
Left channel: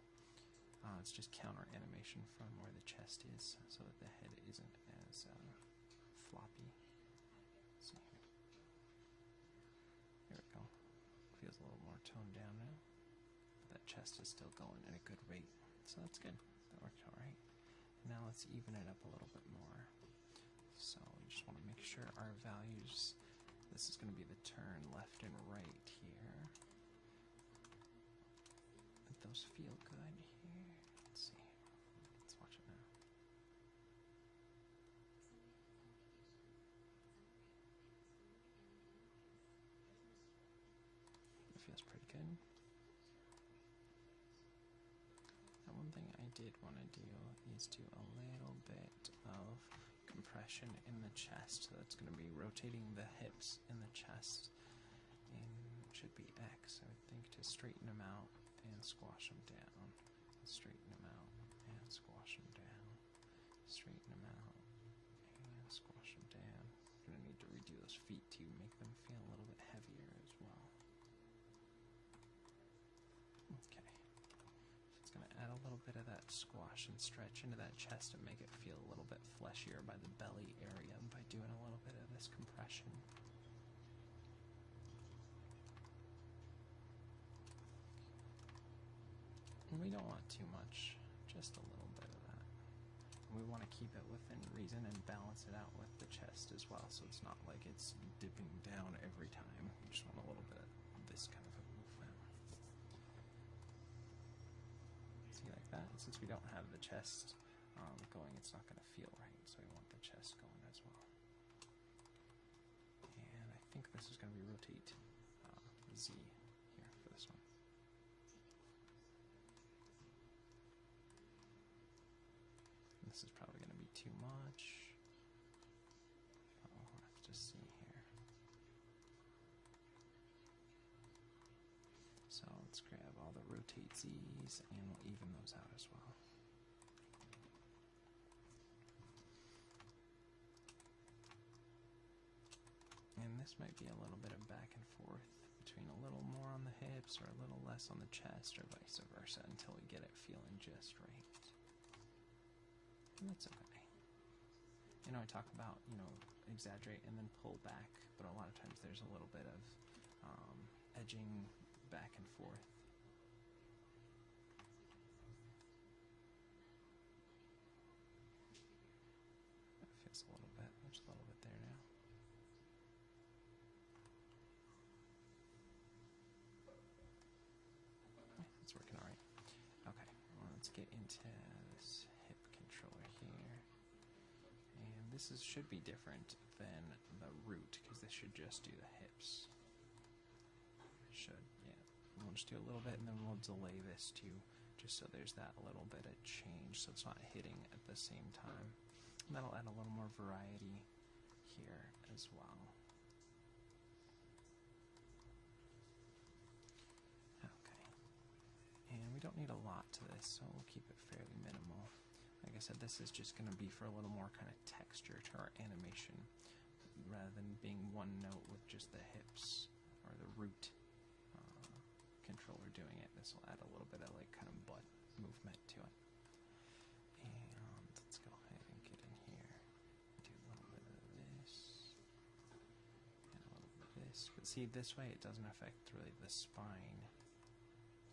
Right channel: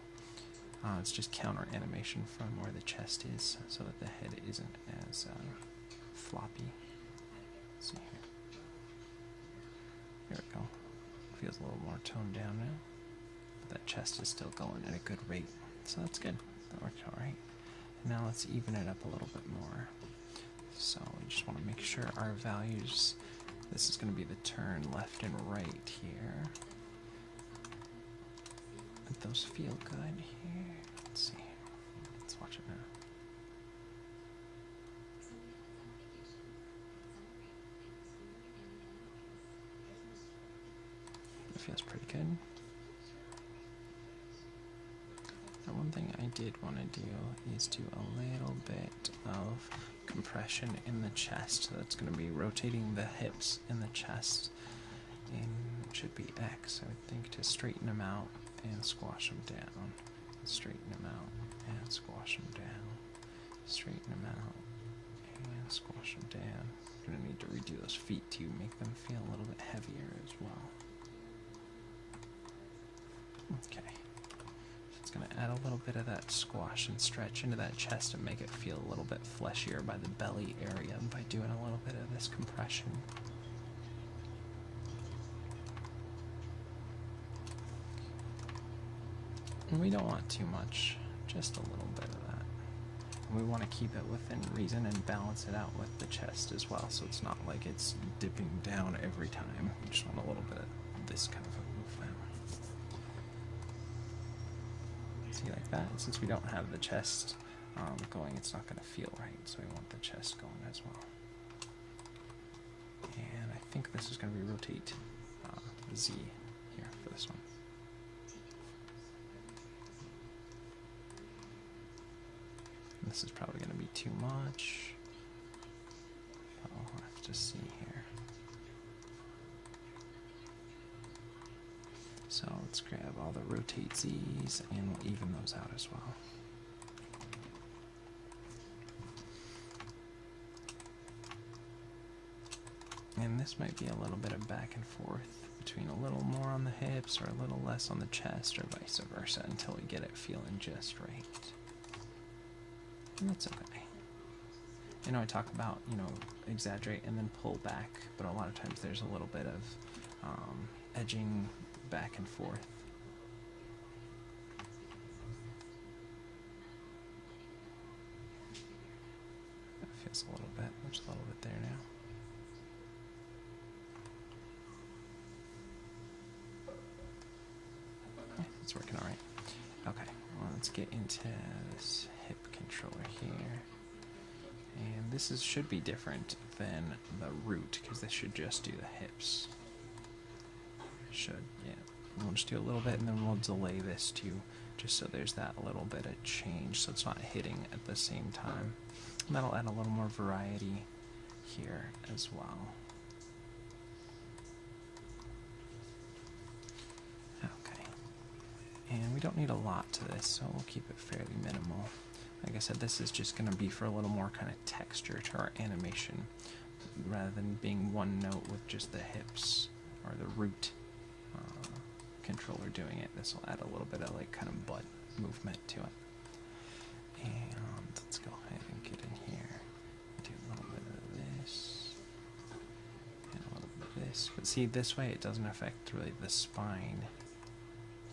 it's just counter animation from where the chest is, so that the head isn't as floppy. Let's see here. There we go. Feels a little more toned down now. But that chest is still going at a good rate, so that's good. That worked all right. Now let's even it up a little bit more. So we just want to make sure our values, this is going to be the turn left and right here. Let those feel good here. Let's see. Let's watch it now. It feels pretty good. Now one thing I did want to do is do a little bit of compression in the chest. So that's going to be rotating the hips in the chest. And it should be X, I would think, to straighten them out and squash them down. Straighten them out and squash them down. Straighten them out and squash them down. Going to need to redo those feet to make them feel a little bit heavier as well. Okay. It's going to add a little bit of that squash and stretch into that chest and make it feel a little bit fleshier by the belly area by doing a little bit of this compression. And we don't want too much, just a little bit of that. And we want to keep it within reason and balance it out with the chest as well, so it's not like it's dipping down every time. We just want a little bit of this kind of a movement. See, like that? And since we don't have the chest going, it's not going to feel right, so we want the chest going as well. And this is going to be rotate Z here for this one. This is probably going to be too much. I'll have to see here. So let's grab all the rotate Z's and we'll even those out as well. And this might be a little bit of back and forth between a little more on the hips or a little less on the chest or vice versa until we get it feeling just right. And that's okay. You know, I talk about, you know, exaggerate and then pull back, but a lot of times there's a little bit of edging back and forth. That feels a little bit, there's a little bit there now. Okay, it's working all right. Okay, well, let's get into this hip controller here. And this should be different than the root, because this should just do the hips. Should, yeah. We'll just do a little bit, and then we'll delay this too, just so there's that little bit of change, so it's not hitting at the same time. And that'll add a little more variety here as well. Okay. And we don't need a lot to this, so we'll keep it fairly minimal. Like I said, this is just going to be for a little more kind of texture to our animation, rather than being one note with just the hips or the root controller doing it. This will add a little bit of like kind of butt movement to it. And let's go ahead and get in here and do a little bit of this and a little bit of this. But see, this way it doesn't affect really the spine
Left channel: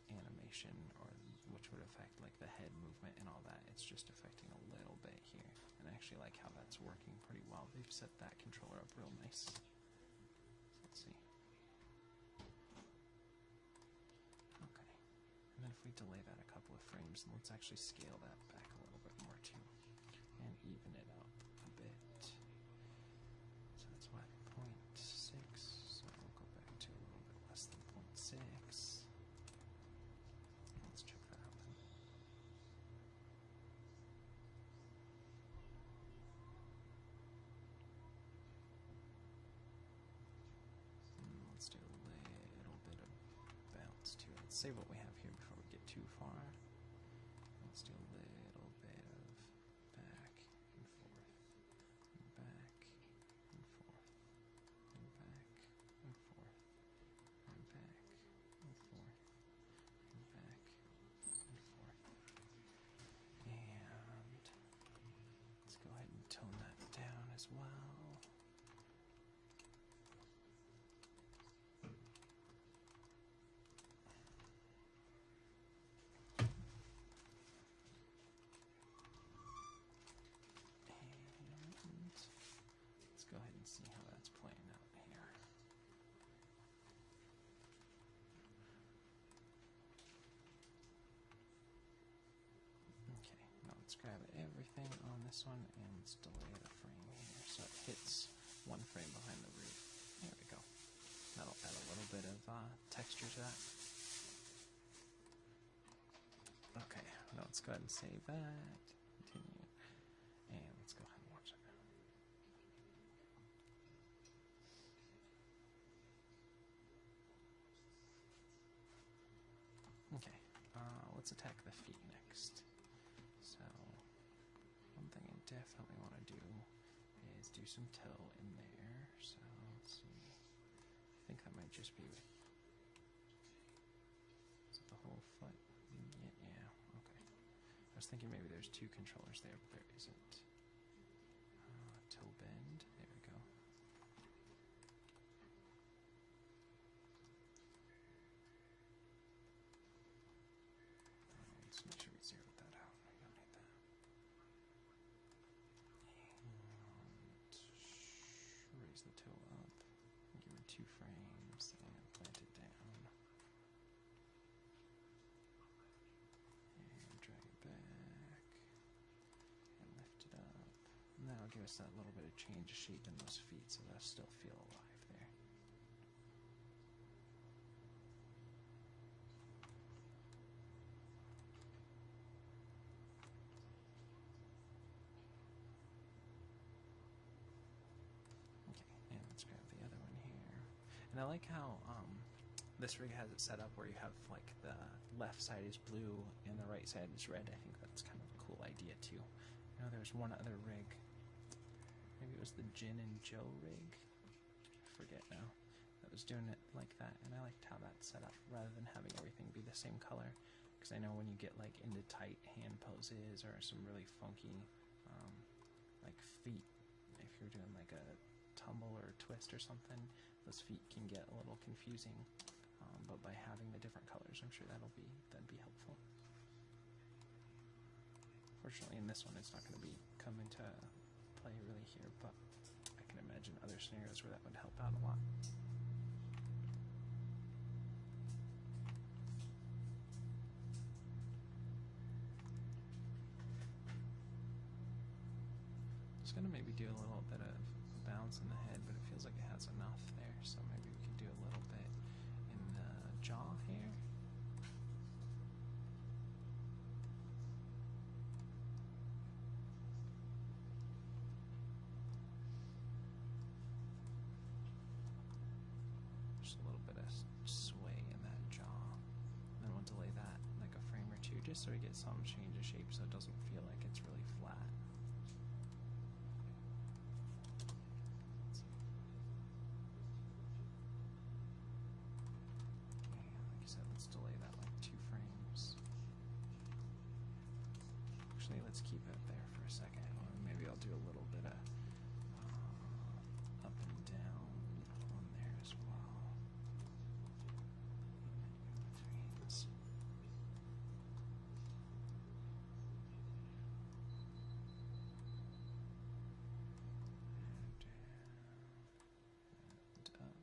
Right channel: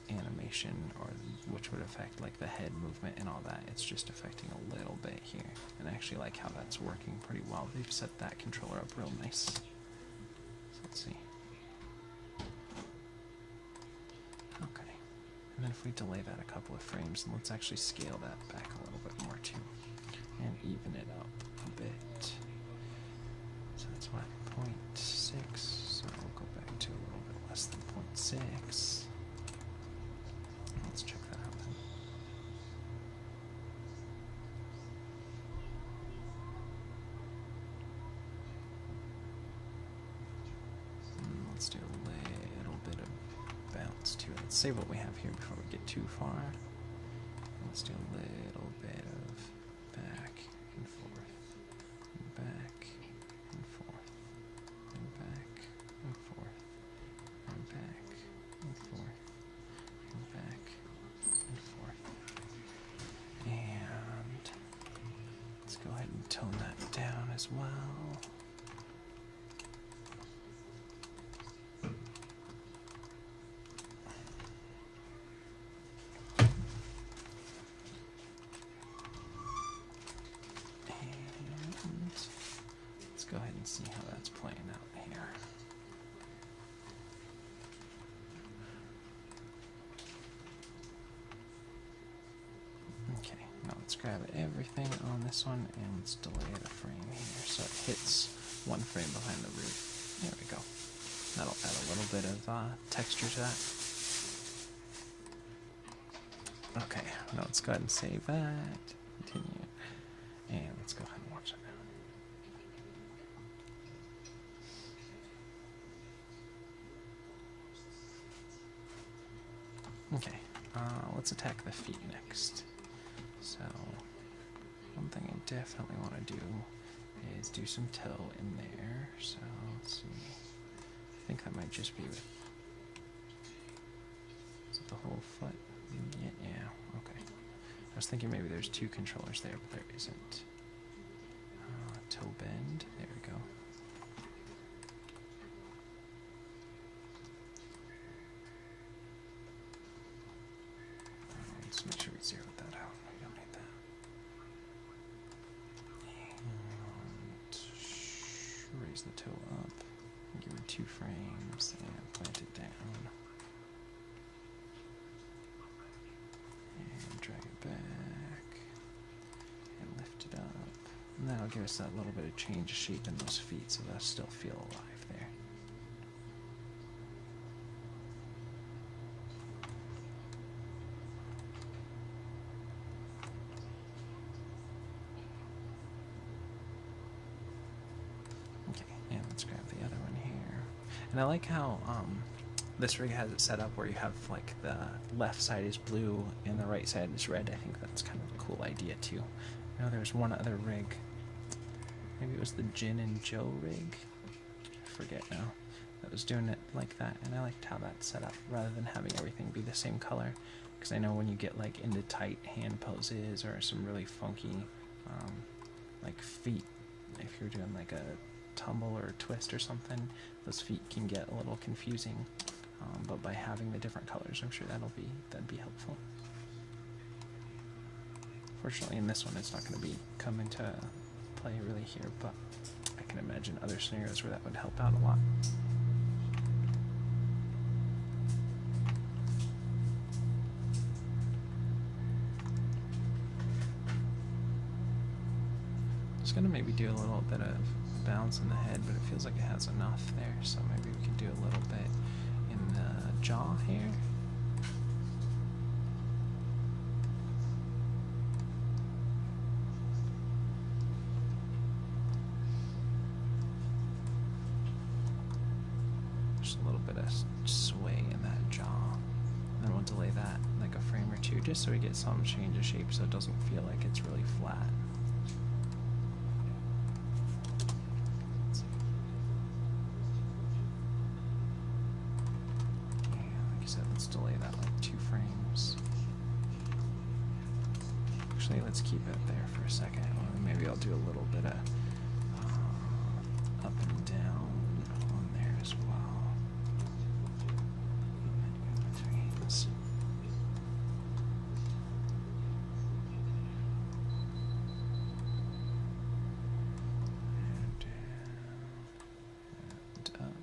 animation, or which would affect like the head movement and all that. It's just affecting a little bit here, and I actually like how that's working pretty well. They've set that controller up real nice. So let's see. Okay, and then if we delay that a couple of frames, and let's actually scale that back a little bit more too, and even it up a bit. So that's what, 0.6, so we'll go back to a little bit less than 0.6. Let's check that out then. Let's do a little bit of bounce to it. Let's save what we have here before we get too far. Let's do a little bit of back and forth, and back and forth, and back and forth, and back and forth, and back and forth. And let's go ahead and tone that down as well. Go ahead and see how that's playing out here. Okay, now let's grab everything on this one and let's delay the frame here so it hits one frame behind the root. There we go. That'll add a little bit of texture to that. Okay, now let's go ahead and save that. Continue. And let's go ahead and watch it now. Okay, let's attack the feet next. So, one thing I definitely want to do is do some toe in there. So, let's see. I think that might just be with, is it the whole foot? Yeah, okay. I was thinking maybe there's two controllers there, but there isn't. Toe bend, there we go. Let's make sure we zero that out. We don't need that. And raise the toe up. Give it 2 frames and plant it down. And drag it back. And lift it up. And that'll give us that little bit of change of shape in those feet, so they'll still feel alive there. And I like how this rig has it set up where you have like the left side is blue and the right side is red. I think that's kind of a cool idea too. I know there's one other rig. Maybe it was the Jin and Joe rig. I forget now. That was doing it like that, and I liked how that's set up rather than having everything be the same color. Because I know when you get like into tight hand poses or some really funky like feet, if you're doing like a tumble or a twist or something, those feet can get a little confusing. But by having the different colors, I'm sure that'd be helpful. Fortunately, in this one, it's not going to come into play really here, but I can imagine other scenarios where that would help out a lot. It's going to maybe do a little bit of bounce in the head, but it feels like it has enough there, so maybe we can do a little bit in the jaw here. Just a little bit of sway in that jaw. And then we'll delay that like a frame or two, just so we get some change of shape so it doesn't feel like it's really flat. Delay that like 2 frames. Actually, let's keep it there for a second. Maybe I'll do a little bit of up and down on there as well. In betweens. And down, and up.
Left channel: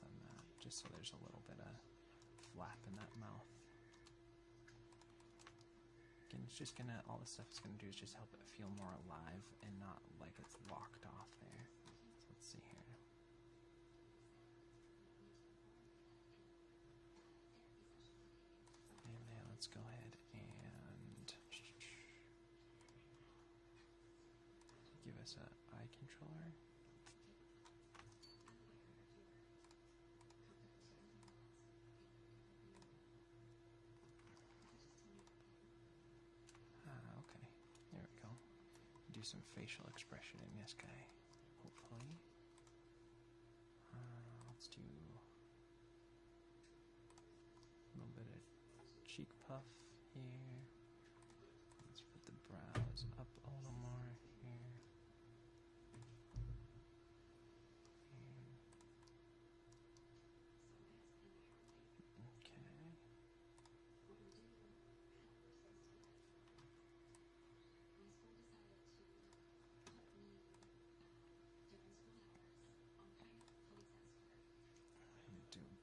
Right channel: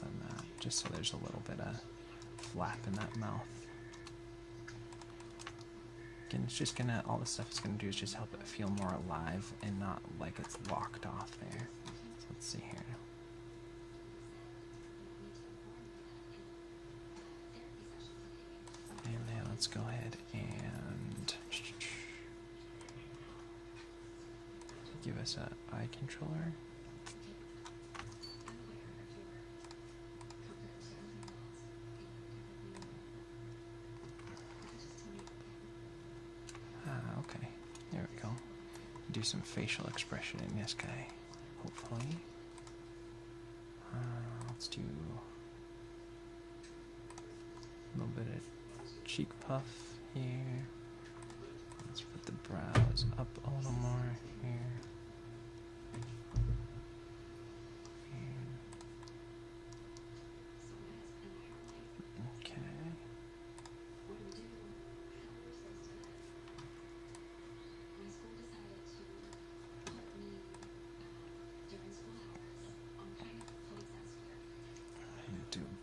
Than that, just so there's a little bit of flap in that mouth. Again, it's just gonna, all this stuff is gonna do is just help it feel more alive and not like it's locked off there. So let's see here. And then let's go ahead and give us an eye controller. Do some facial expression in this guy, hopefully. Let's do a little bit of cheek puff here. Let's put the brows up a little more here.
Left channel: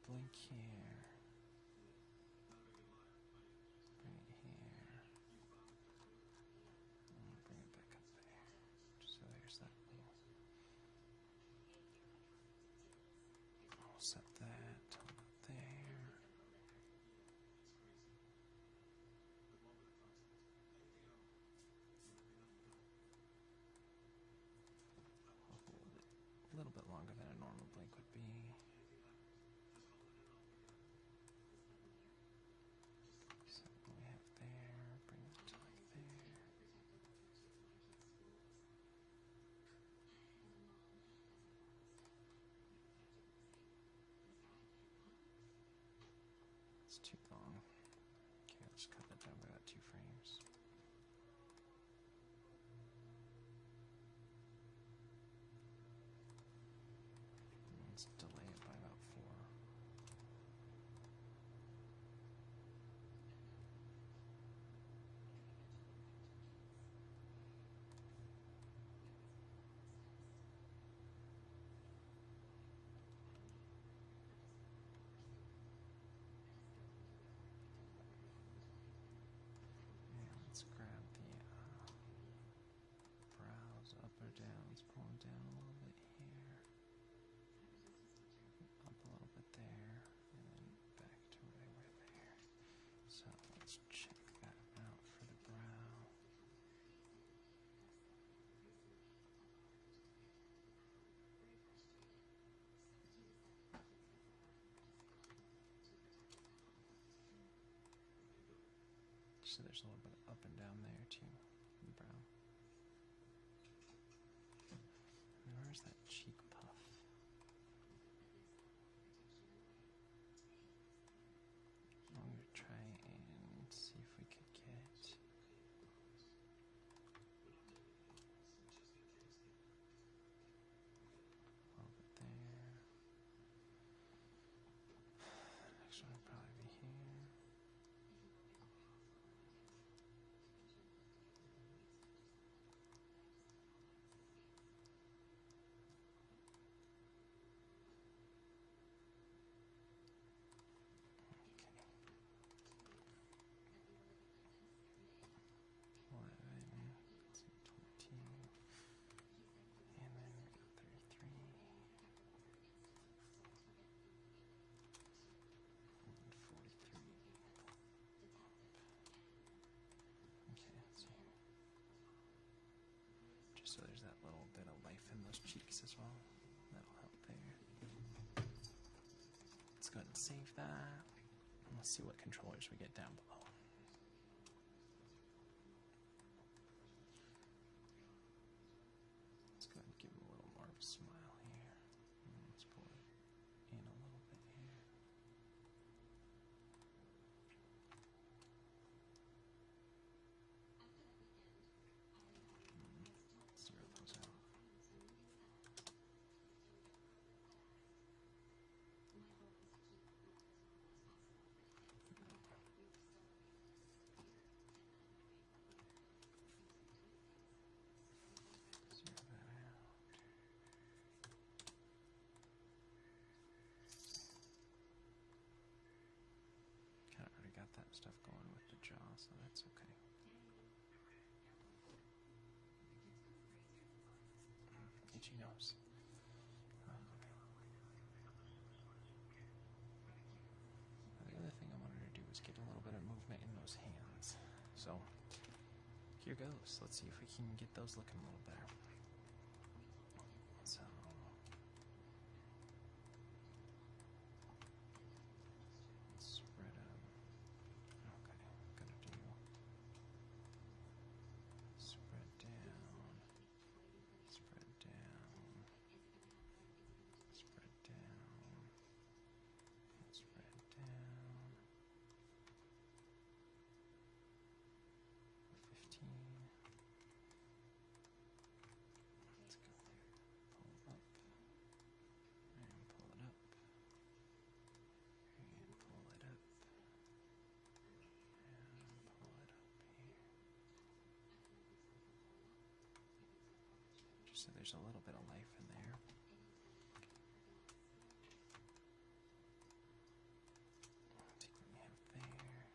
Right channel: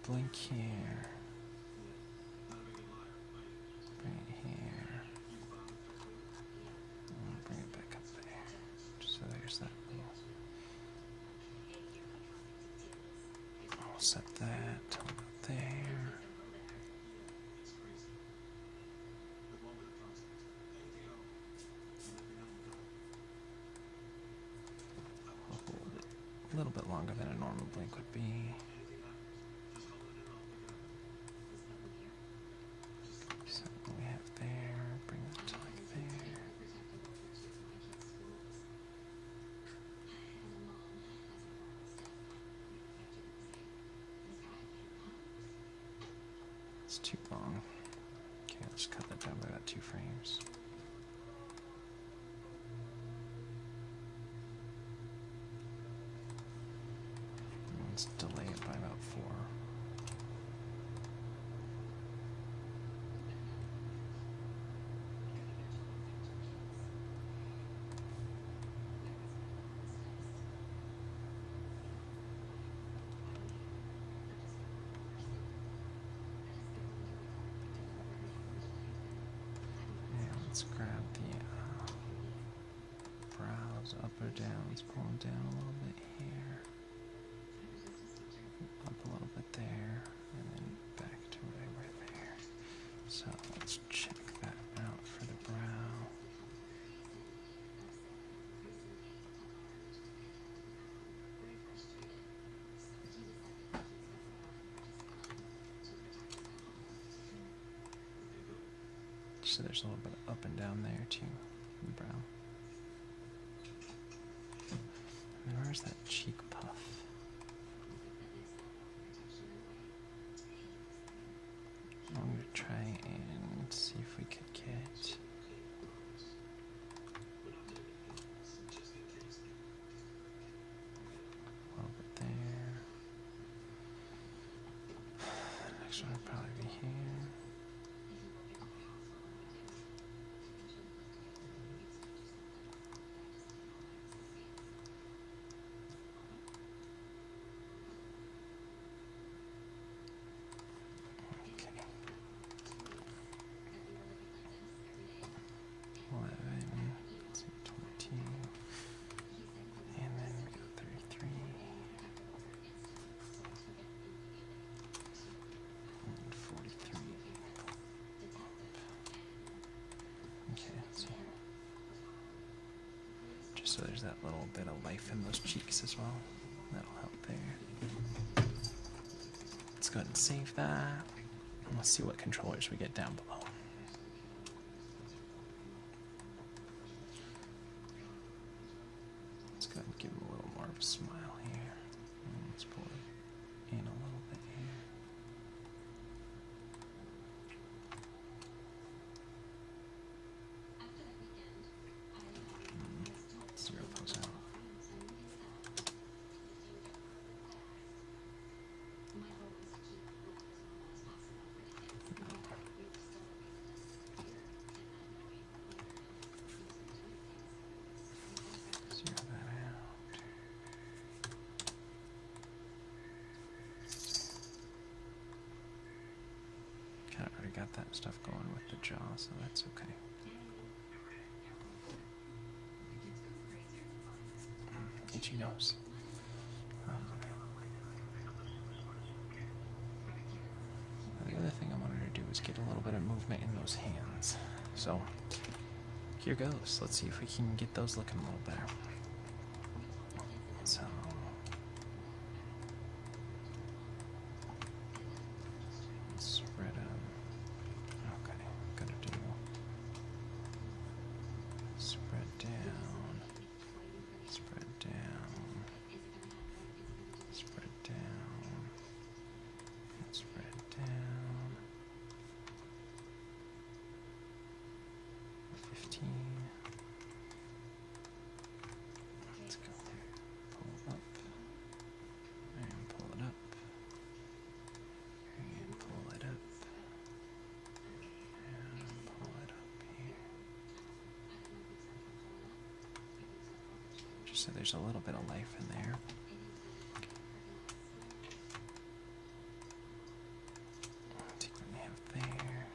Blink here. Bring it here. And bring it back up there. Just so there's that little. I'll set that up there. I'll hold it a little bit longer than a normal blink would be. Too long. Okay, let's cut that down by about 2 frames. And let's delay it by about 4. Let's grab the brows up or down. Let's pull them down a little bit here. Up a little bit there. So there's a little bit of up and down there too, in the brow. And where's that cheek puff? I'm going to try and see if we could get a little bit there. Next one would probably be here. So there's that little bit of life in those cheeks as well. That'll help there. Let's go ahead and save that. And let's see what controllers we get down below. Let's go ahead and give him a little more of a smile here. And let's pull it in a little bit here. Zero those out. Zero that out. Kind of already got that stuff going with the jaw, so that's okay. Itchy nose. The other thing I wanted to do is get a little bit of movement in those hands. So here goes. Let's see if we can get those looking a little better. So spread them. Okay, gotta do spread down, spread down, spread down, spread down. 15. Let's go. Pull up. And pull it up. And pull it up. And pull it up here. Just so there's a little bit of life in there. See what we have there.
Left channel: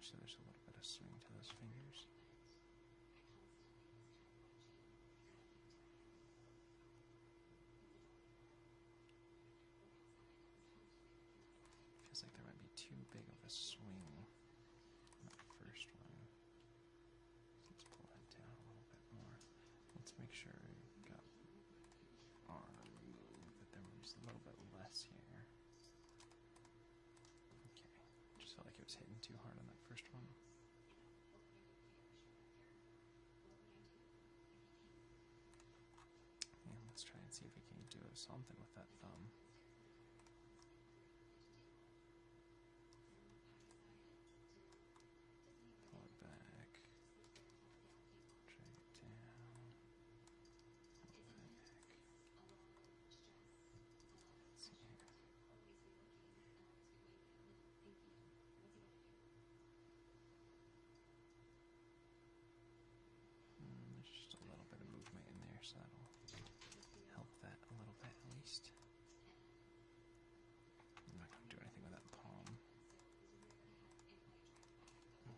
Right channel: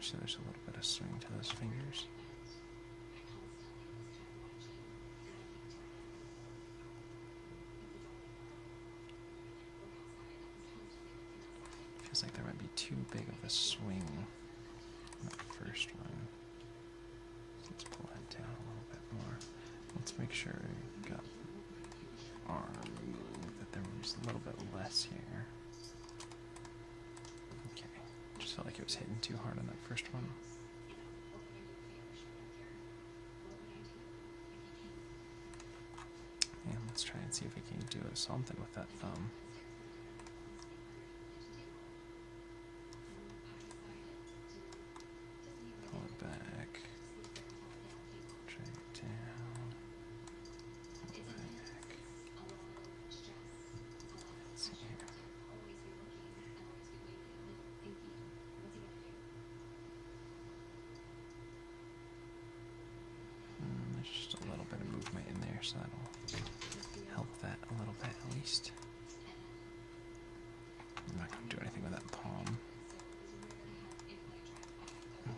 So there's a little bit of swing to those fingers. Feels like there might be too big of a swing in that first one. So let's pull that down a little bit more. Let's make sure we got arm moved, that there was a little bit less here. Okay, just felt like it was hitting too hard on that first one. And let's try and see if we can do something with that thumb. Pull it back. Drag it down. Pull it back. Let's see here. There's just a little bit of movement in there, so that'll help that a little bit at least. I'm not going to do anything with that palm.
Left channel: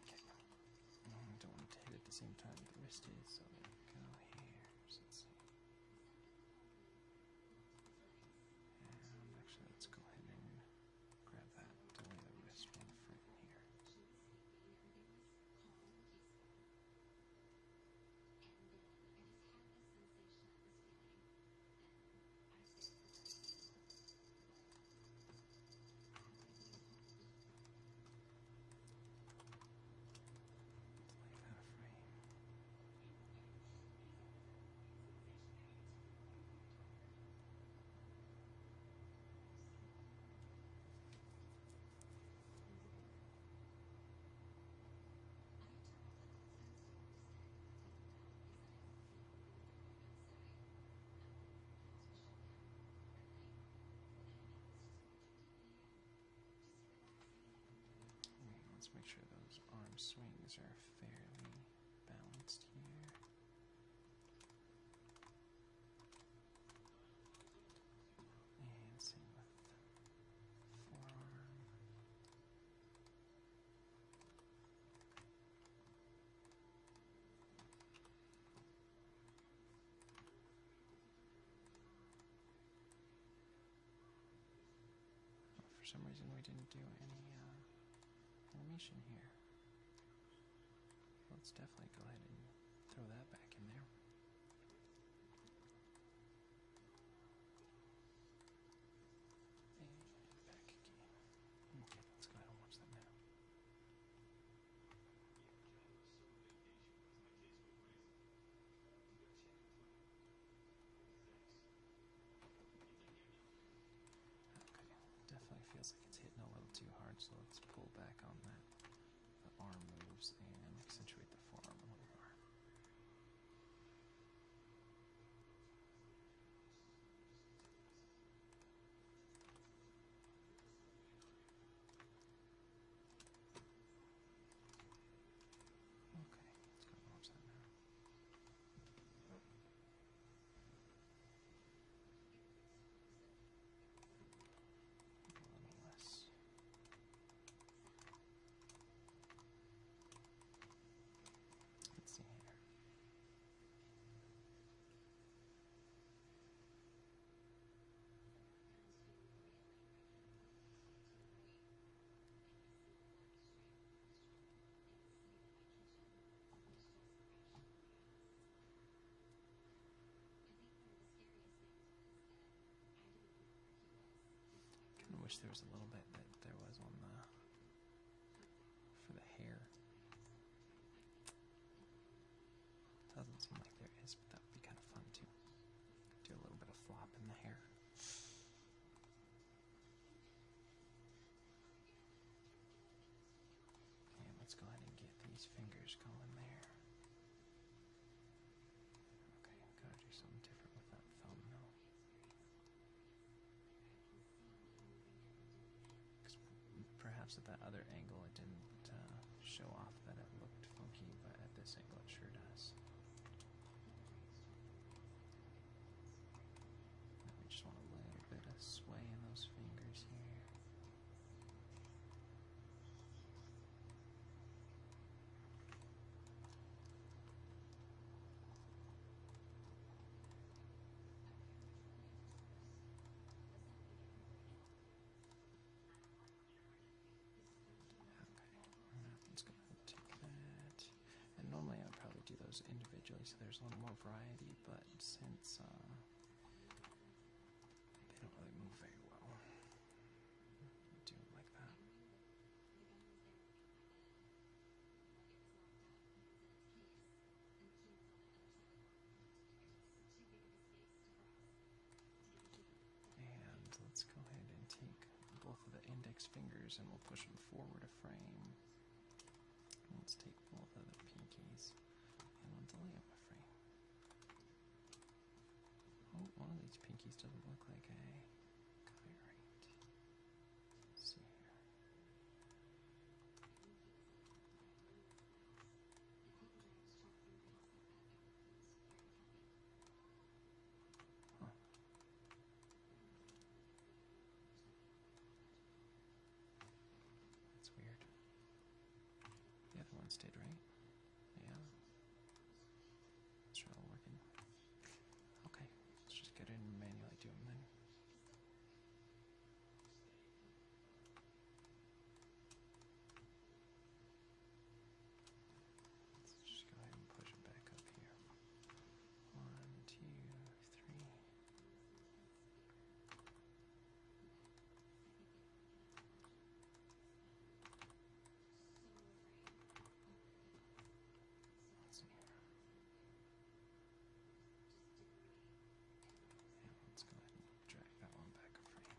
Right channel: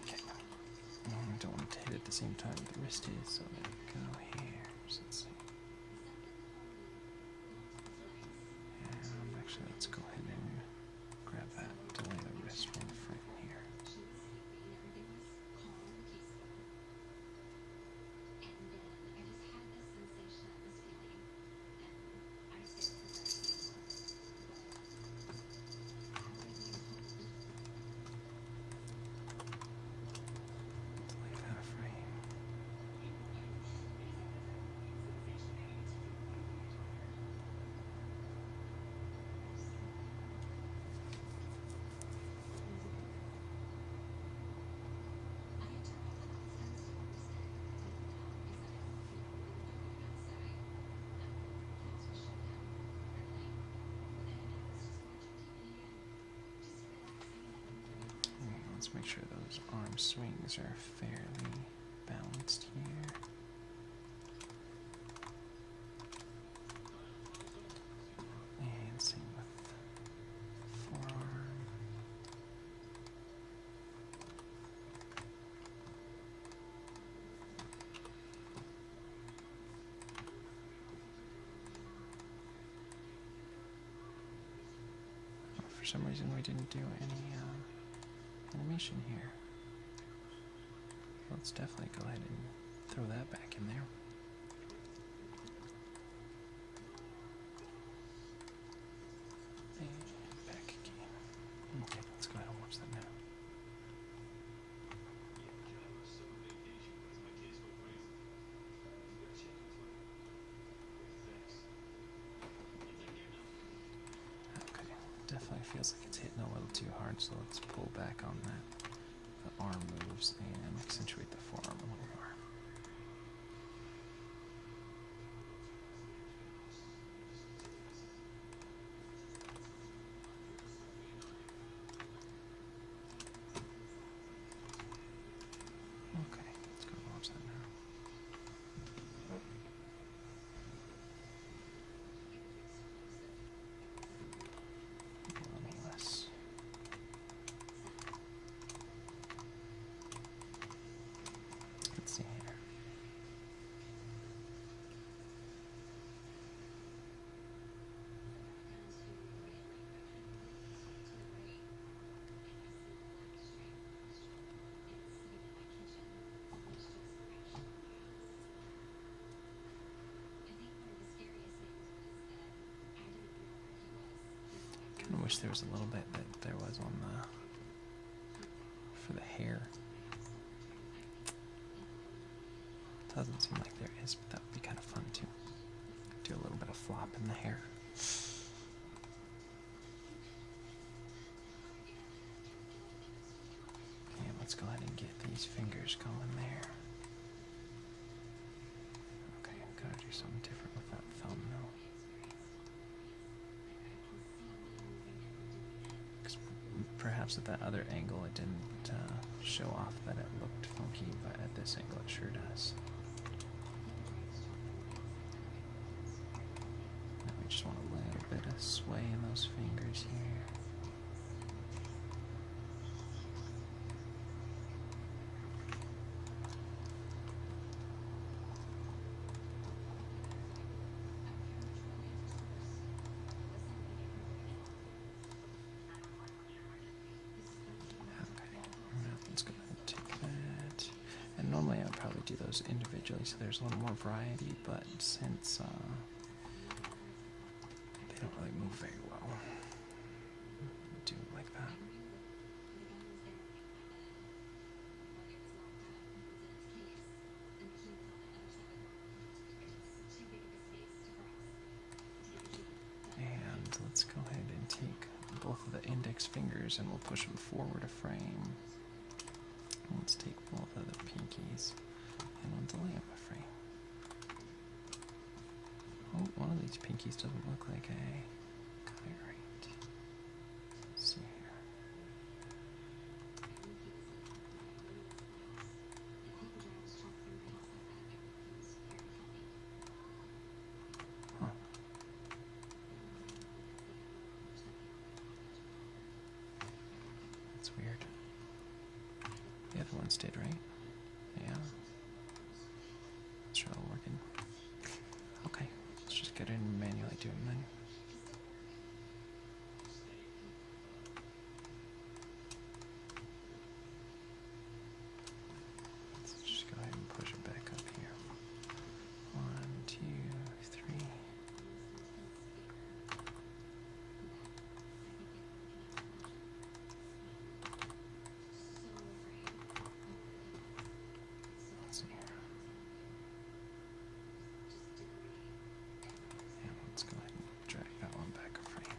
Okay. I don't want to hit it at the same time the wrist is, so there we go here. So let's see. And actually, let's go ahead and grab that, delay the wrist from the front here. swings are fairly balanced here. And same with forearm. For some reason we didn't do any animation here. Let's definitely go ahead and throw that back in there. And back again. Okay, let's go ahead and watch that now. Okay, definitely feels like it's hitting a little too hard, so let's pull back on that. The arm moves and accentuate the forearm a little more. Okay, let's go watch that now. A little less. Let's see here. Kind of wish there was a little bit that there was on the for the hair. Doesn't seem like there is, but that would be kind of fun too. Do a little bit of flop in the hair. And let's go ahead and get these fingers going there. Okay, I've got to do something different with that thumb though. Perhaps at that other angle it didn't show off that it looked funky, but at this angle it sure does. Now we just want a little bit of sway in those fingers here. Let's go ahead and take that. And normally I would probably do those individually so there's a little more variety, but since they don't really move very well, do it like that. And let's go ahead and take both of the index fingers and we'll push them forward a frame. Let's take both of the pinkies and we'll delay them a frame. Oh, one of these pinkies doesn't look like I got it right. Let's see here. Huh. That's weird. The other ones did, right? Yeah. Let's try all working. Okay, let's just get in and manually do them then. Let's just go ahead and push it back up here. 1, 2, 3. Let's see here. And let's go ahead and drag that one back a frame.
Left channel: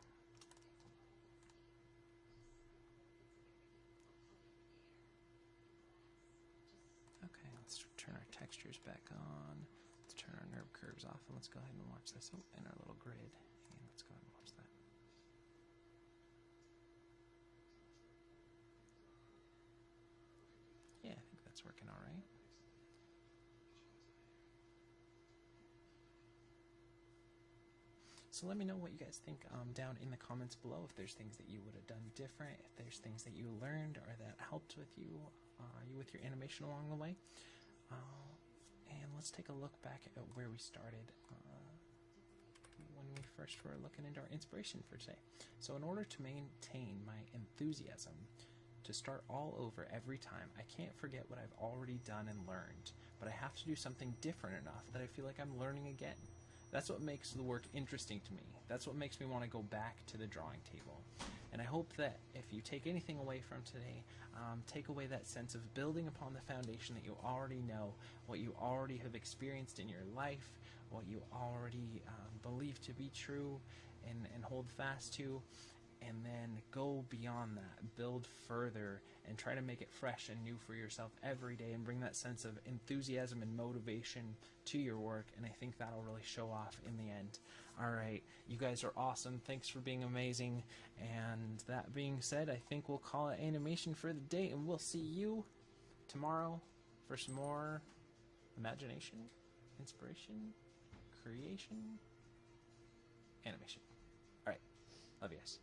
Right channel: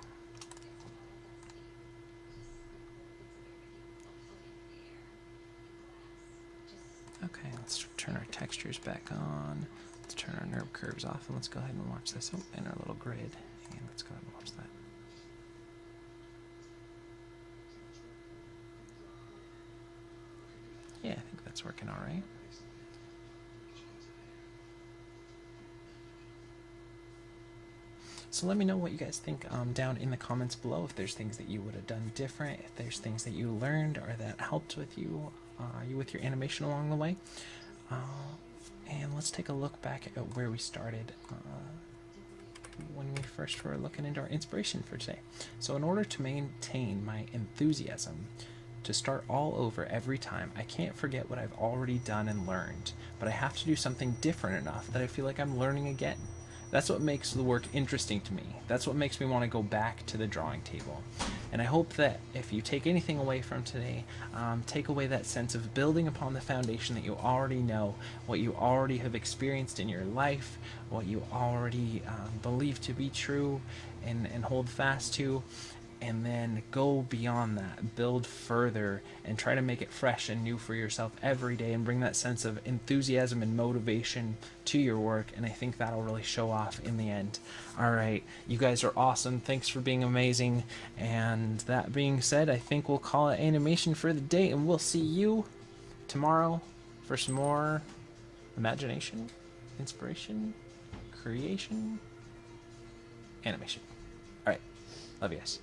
Okay, let's turn our textures back on. Let's turn our nerve curves off and let's go ahead and watch this. Oh, in our little grid. And let's go ahead and watch that. It's working all right. So let me know what you guys think down in the comments below. If there's things that you would have done different, if there's things that you learned or that helped with you with your animation along the way. And let's take a look back at where we started when we first were looking into our inspiration for today. So in order to maintain my enthusiasm to start all over every time, I can't forget what I've already done and learned, but I have to do something different enough that I feel like I'm learning again. That's what makes the work interesting to me. That's what makes me want to go back to the drawing table. And I hope that if you take anything away from today, take away that sense of building upon the foundation that you already know, what you already have experienced in your life, what you already believe to be true and hold fast to, and then go beyond that, build further, and try to make it fresh and new for yourself every day, and bring that sense of enthusiasm and motivation to your work, and I think that'll really show off in the end. Alright, you guys are awesome, thanks for being amazing, and that being said, I think we'll call it animation for the day, and we'll see you tomorrow for some more imagination, inspiration, creation, animation. Alright, love you guys.